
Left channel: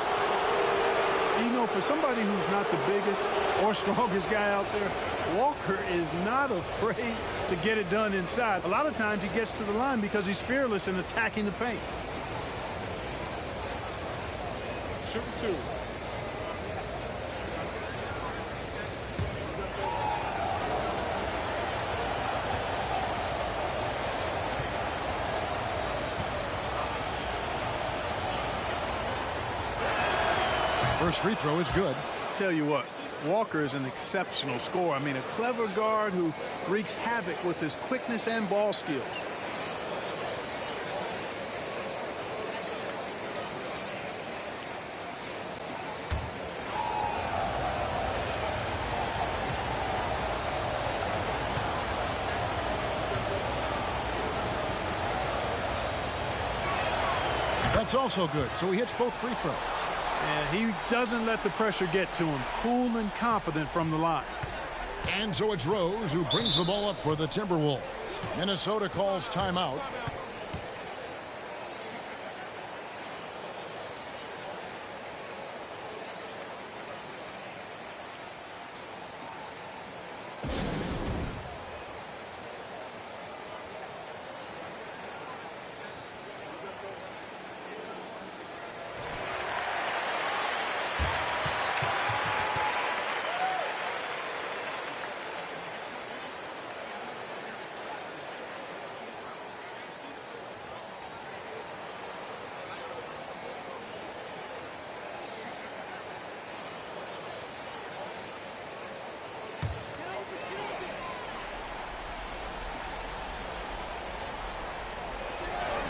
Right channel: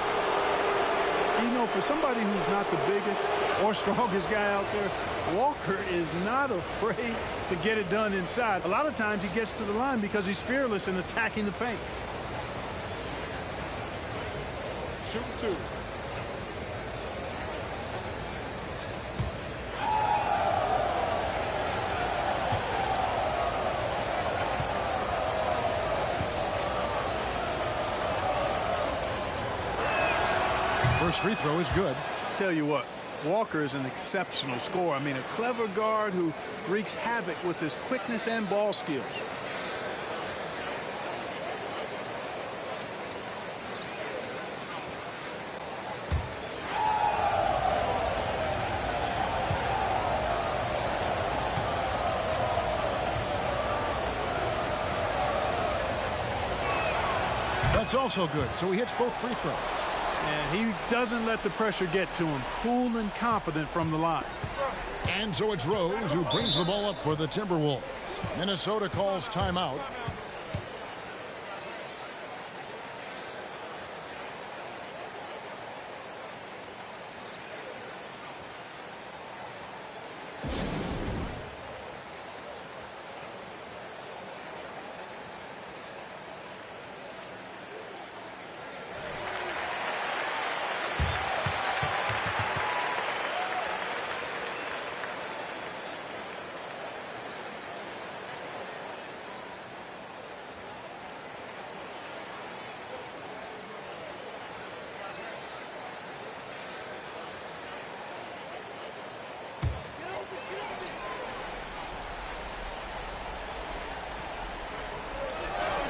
You know, for somebody who's not the biggest or strongest guy out there, Walker is not afraid to get it done inside. A lot of times he gets to the line because he's fearless in attacking the paint. Shooting 2. First free throw is good. Tell you what, Walker is an exceptional scorer. I mean, a clever guard who wreaks havoc with his quickness and ball skills. That's also good, so he hits both free throws. And he doesn't let the pressure get to him. Cool and confident from the line. And so it's Rose who brings the ball up for the Timberwolves. Minnesota calls timeout.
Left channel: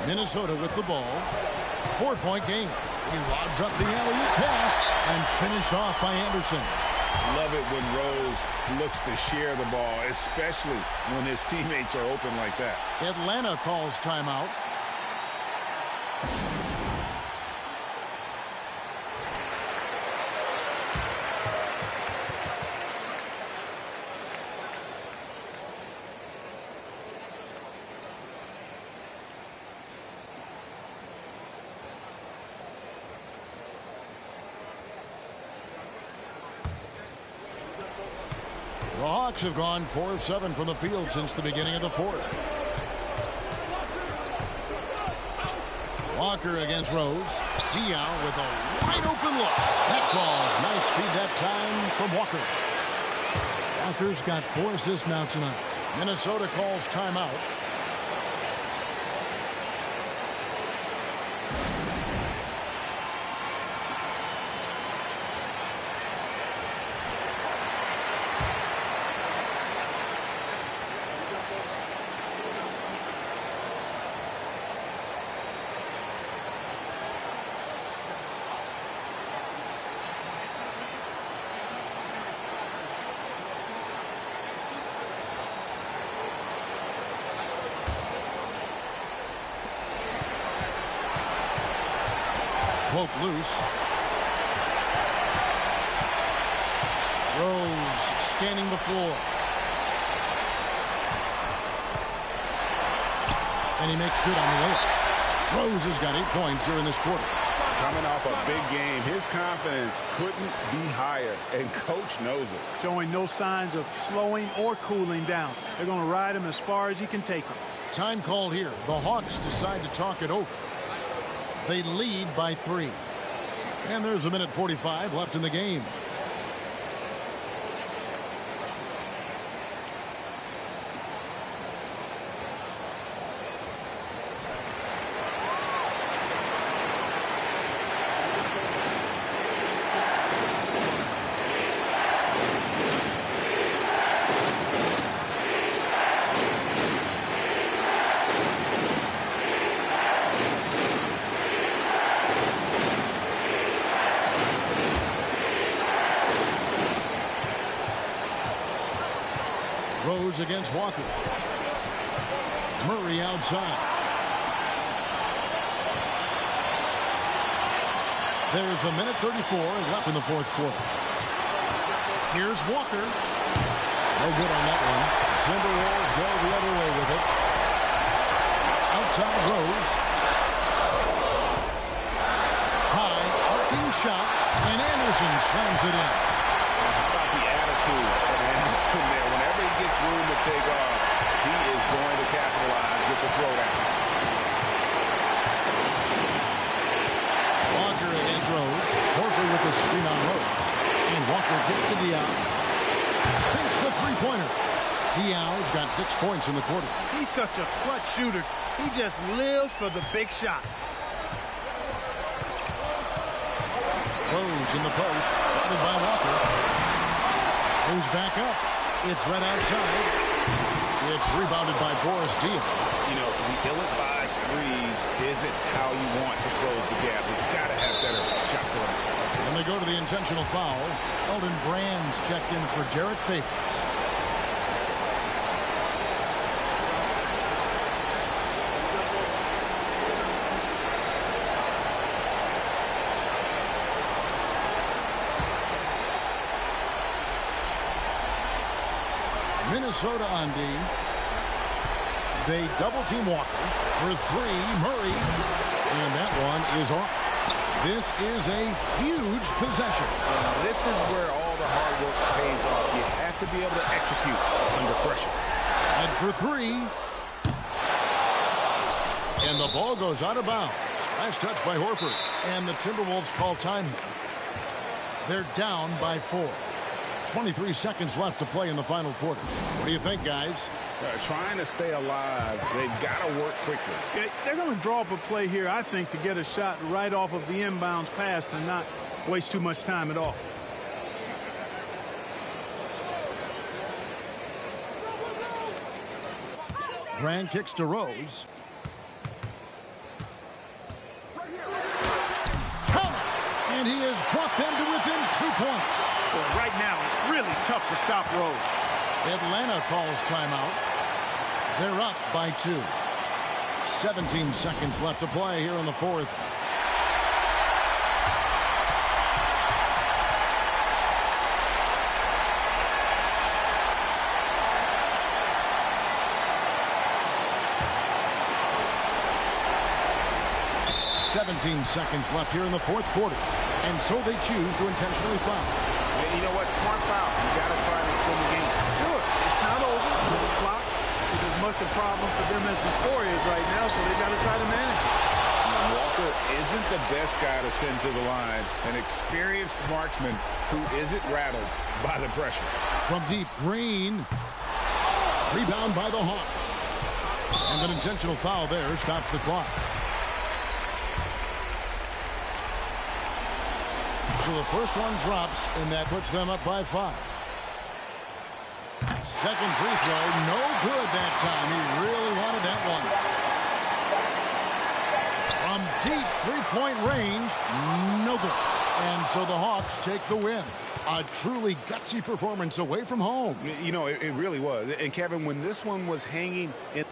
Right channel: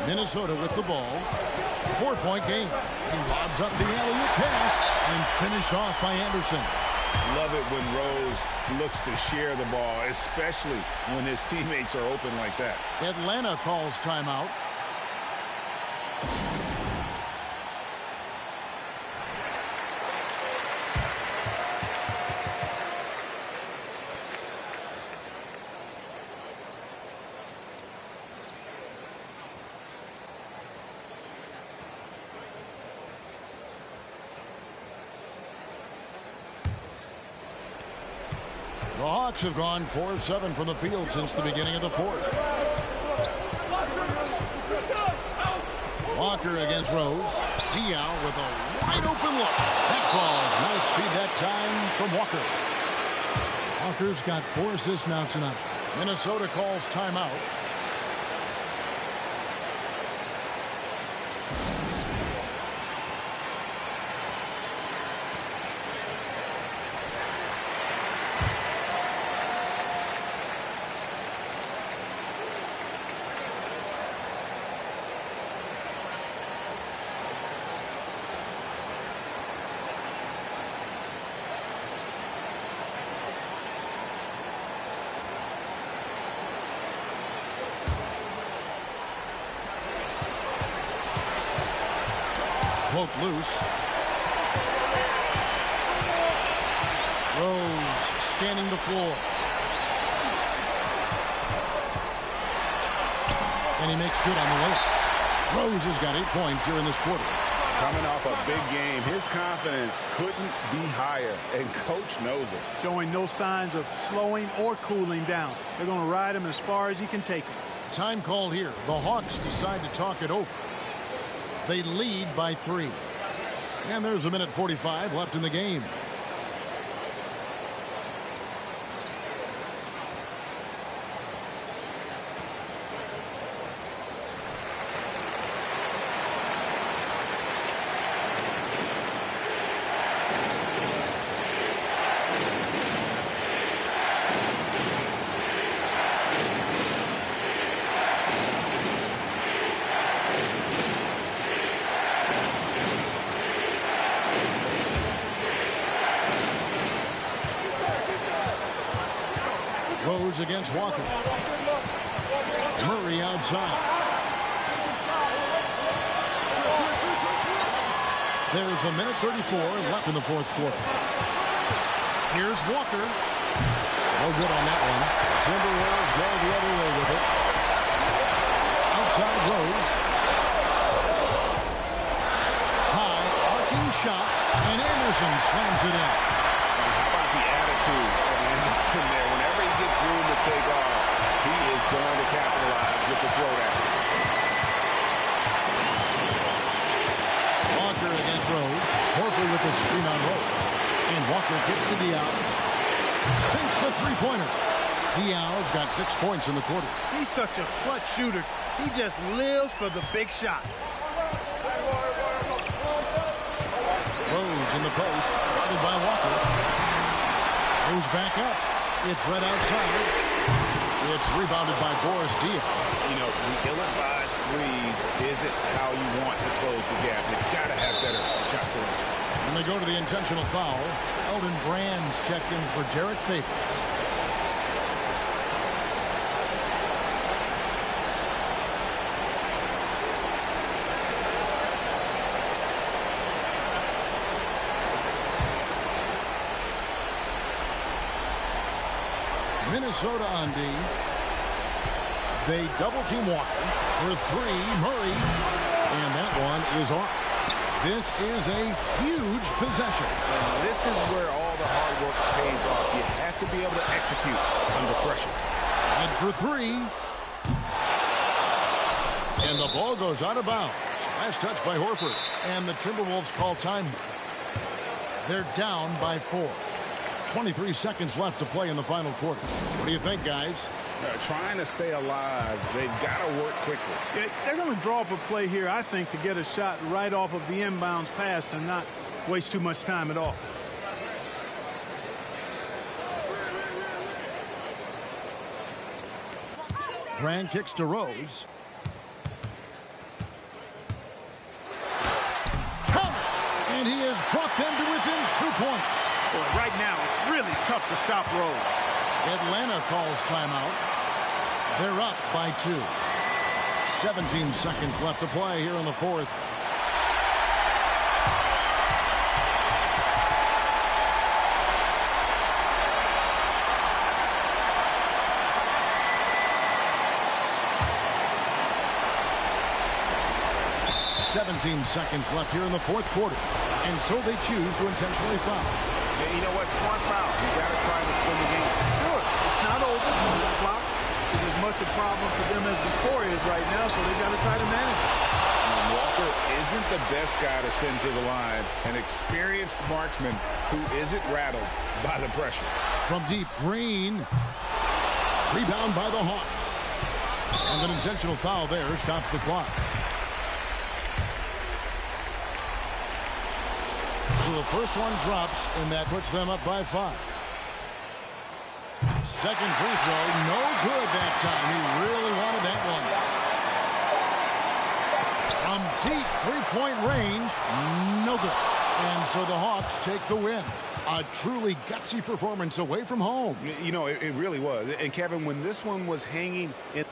Minnesota with the ball. 4-point game. He lobs up the alley-oop pass and finished off by Anderson. Love it when Rose looks to share the ball, especially when his teammates are open like that. Atlanta calls timeout. The Hawks have gone 4 of 7 from the field since the beginning of the fourth. Walker against Rose. Diao with a wide open look. That falls. Nice feed that time from Walker. Walker's got 4 assists now tonight. Minnesota calls timeout. Poked loose. Rose scanning the floor. And he makes good on the layup. Rose has got 8 points here in this quarter. Coming off a big game, his confidence couldn't be higher, and coach knows it. Showing no signs of slowing or cooling down. They're going to ride him as far as he can take him. Time called here. The Hawks decide to talk it over. They lead by 3. And there's 1:45 left in the game. Rose against Walker. Murray outside. There's 1:34 left in the fourth quarter. Here's Walker. No good on that one. The Timberwolves go the other way with it. Outside Rose. High, arcing shot, and Anderson slams it in. How about the attitude of Anderson there? Whenever he gets room to take off, he is going to capitalize with the throwdown. Walker against Rose. Horford with the screen on Rose. And Walker gets to Diaw. Sinks the three-pointer. Diaw's got 6 points in the quarter. He's such a clutch shooter. He just lives for the big shot. Rose in the post. Guarded by Walker. Moves back up. It's right outside. It's rebounded by Boris Diaw. You know, the ill-advised threes isn't how you want to close the gap. They've got to have better shot selection. And they go to the intentional foul. Elton Brand's checked in for Derek Favors. Minnesota on D. They double-team Walker for 3. Murray. And that one is off. This is a huge possession. And this is where all the hard work pays off. You have to be able to execute under pressure. And for 3. And the ball goes out of bounds. Last touch by Horford. And the Timberwolves call time. They're down by 4. 23 seconds left to play in the final quarter. What do you think, guys? Trying to stay alive, they've got to work quickly. Yeah, they're going to draw up a play here, I think, to get a shot right off of the inbounds pass to not waste too much time at all. Brand kicks to Rose. Count it! And he has brought them to within 2 points. Boy, right now it's really tough to stop Rose. Atlanta calls timeout. They're up by 2. 17 seconds left to play here in the fourth. .17 seconds left here in the fourth quarter. And so they choose to intentionally foul. Hey, you know what? Smart foul. You got to try and extend the game. Sure, it's not over. The clock is as much a problem for them as the score is right now, so they got to try to manage it. And Walker isn't the best guy to send to the line. An experienced marksman who isn't rattled by the pressure. From deep, Green. Rebound by the Hawks. And an intentional foul there stops the clock. So the first one drops, and that puts them up by 5. Second free throw, no good that time. He really wanted that one. From deep three-point range, no good. And so the Hawks take the win. A truly gutsy performance away from home. You know, it really was. And Kevin, when this one was hanging in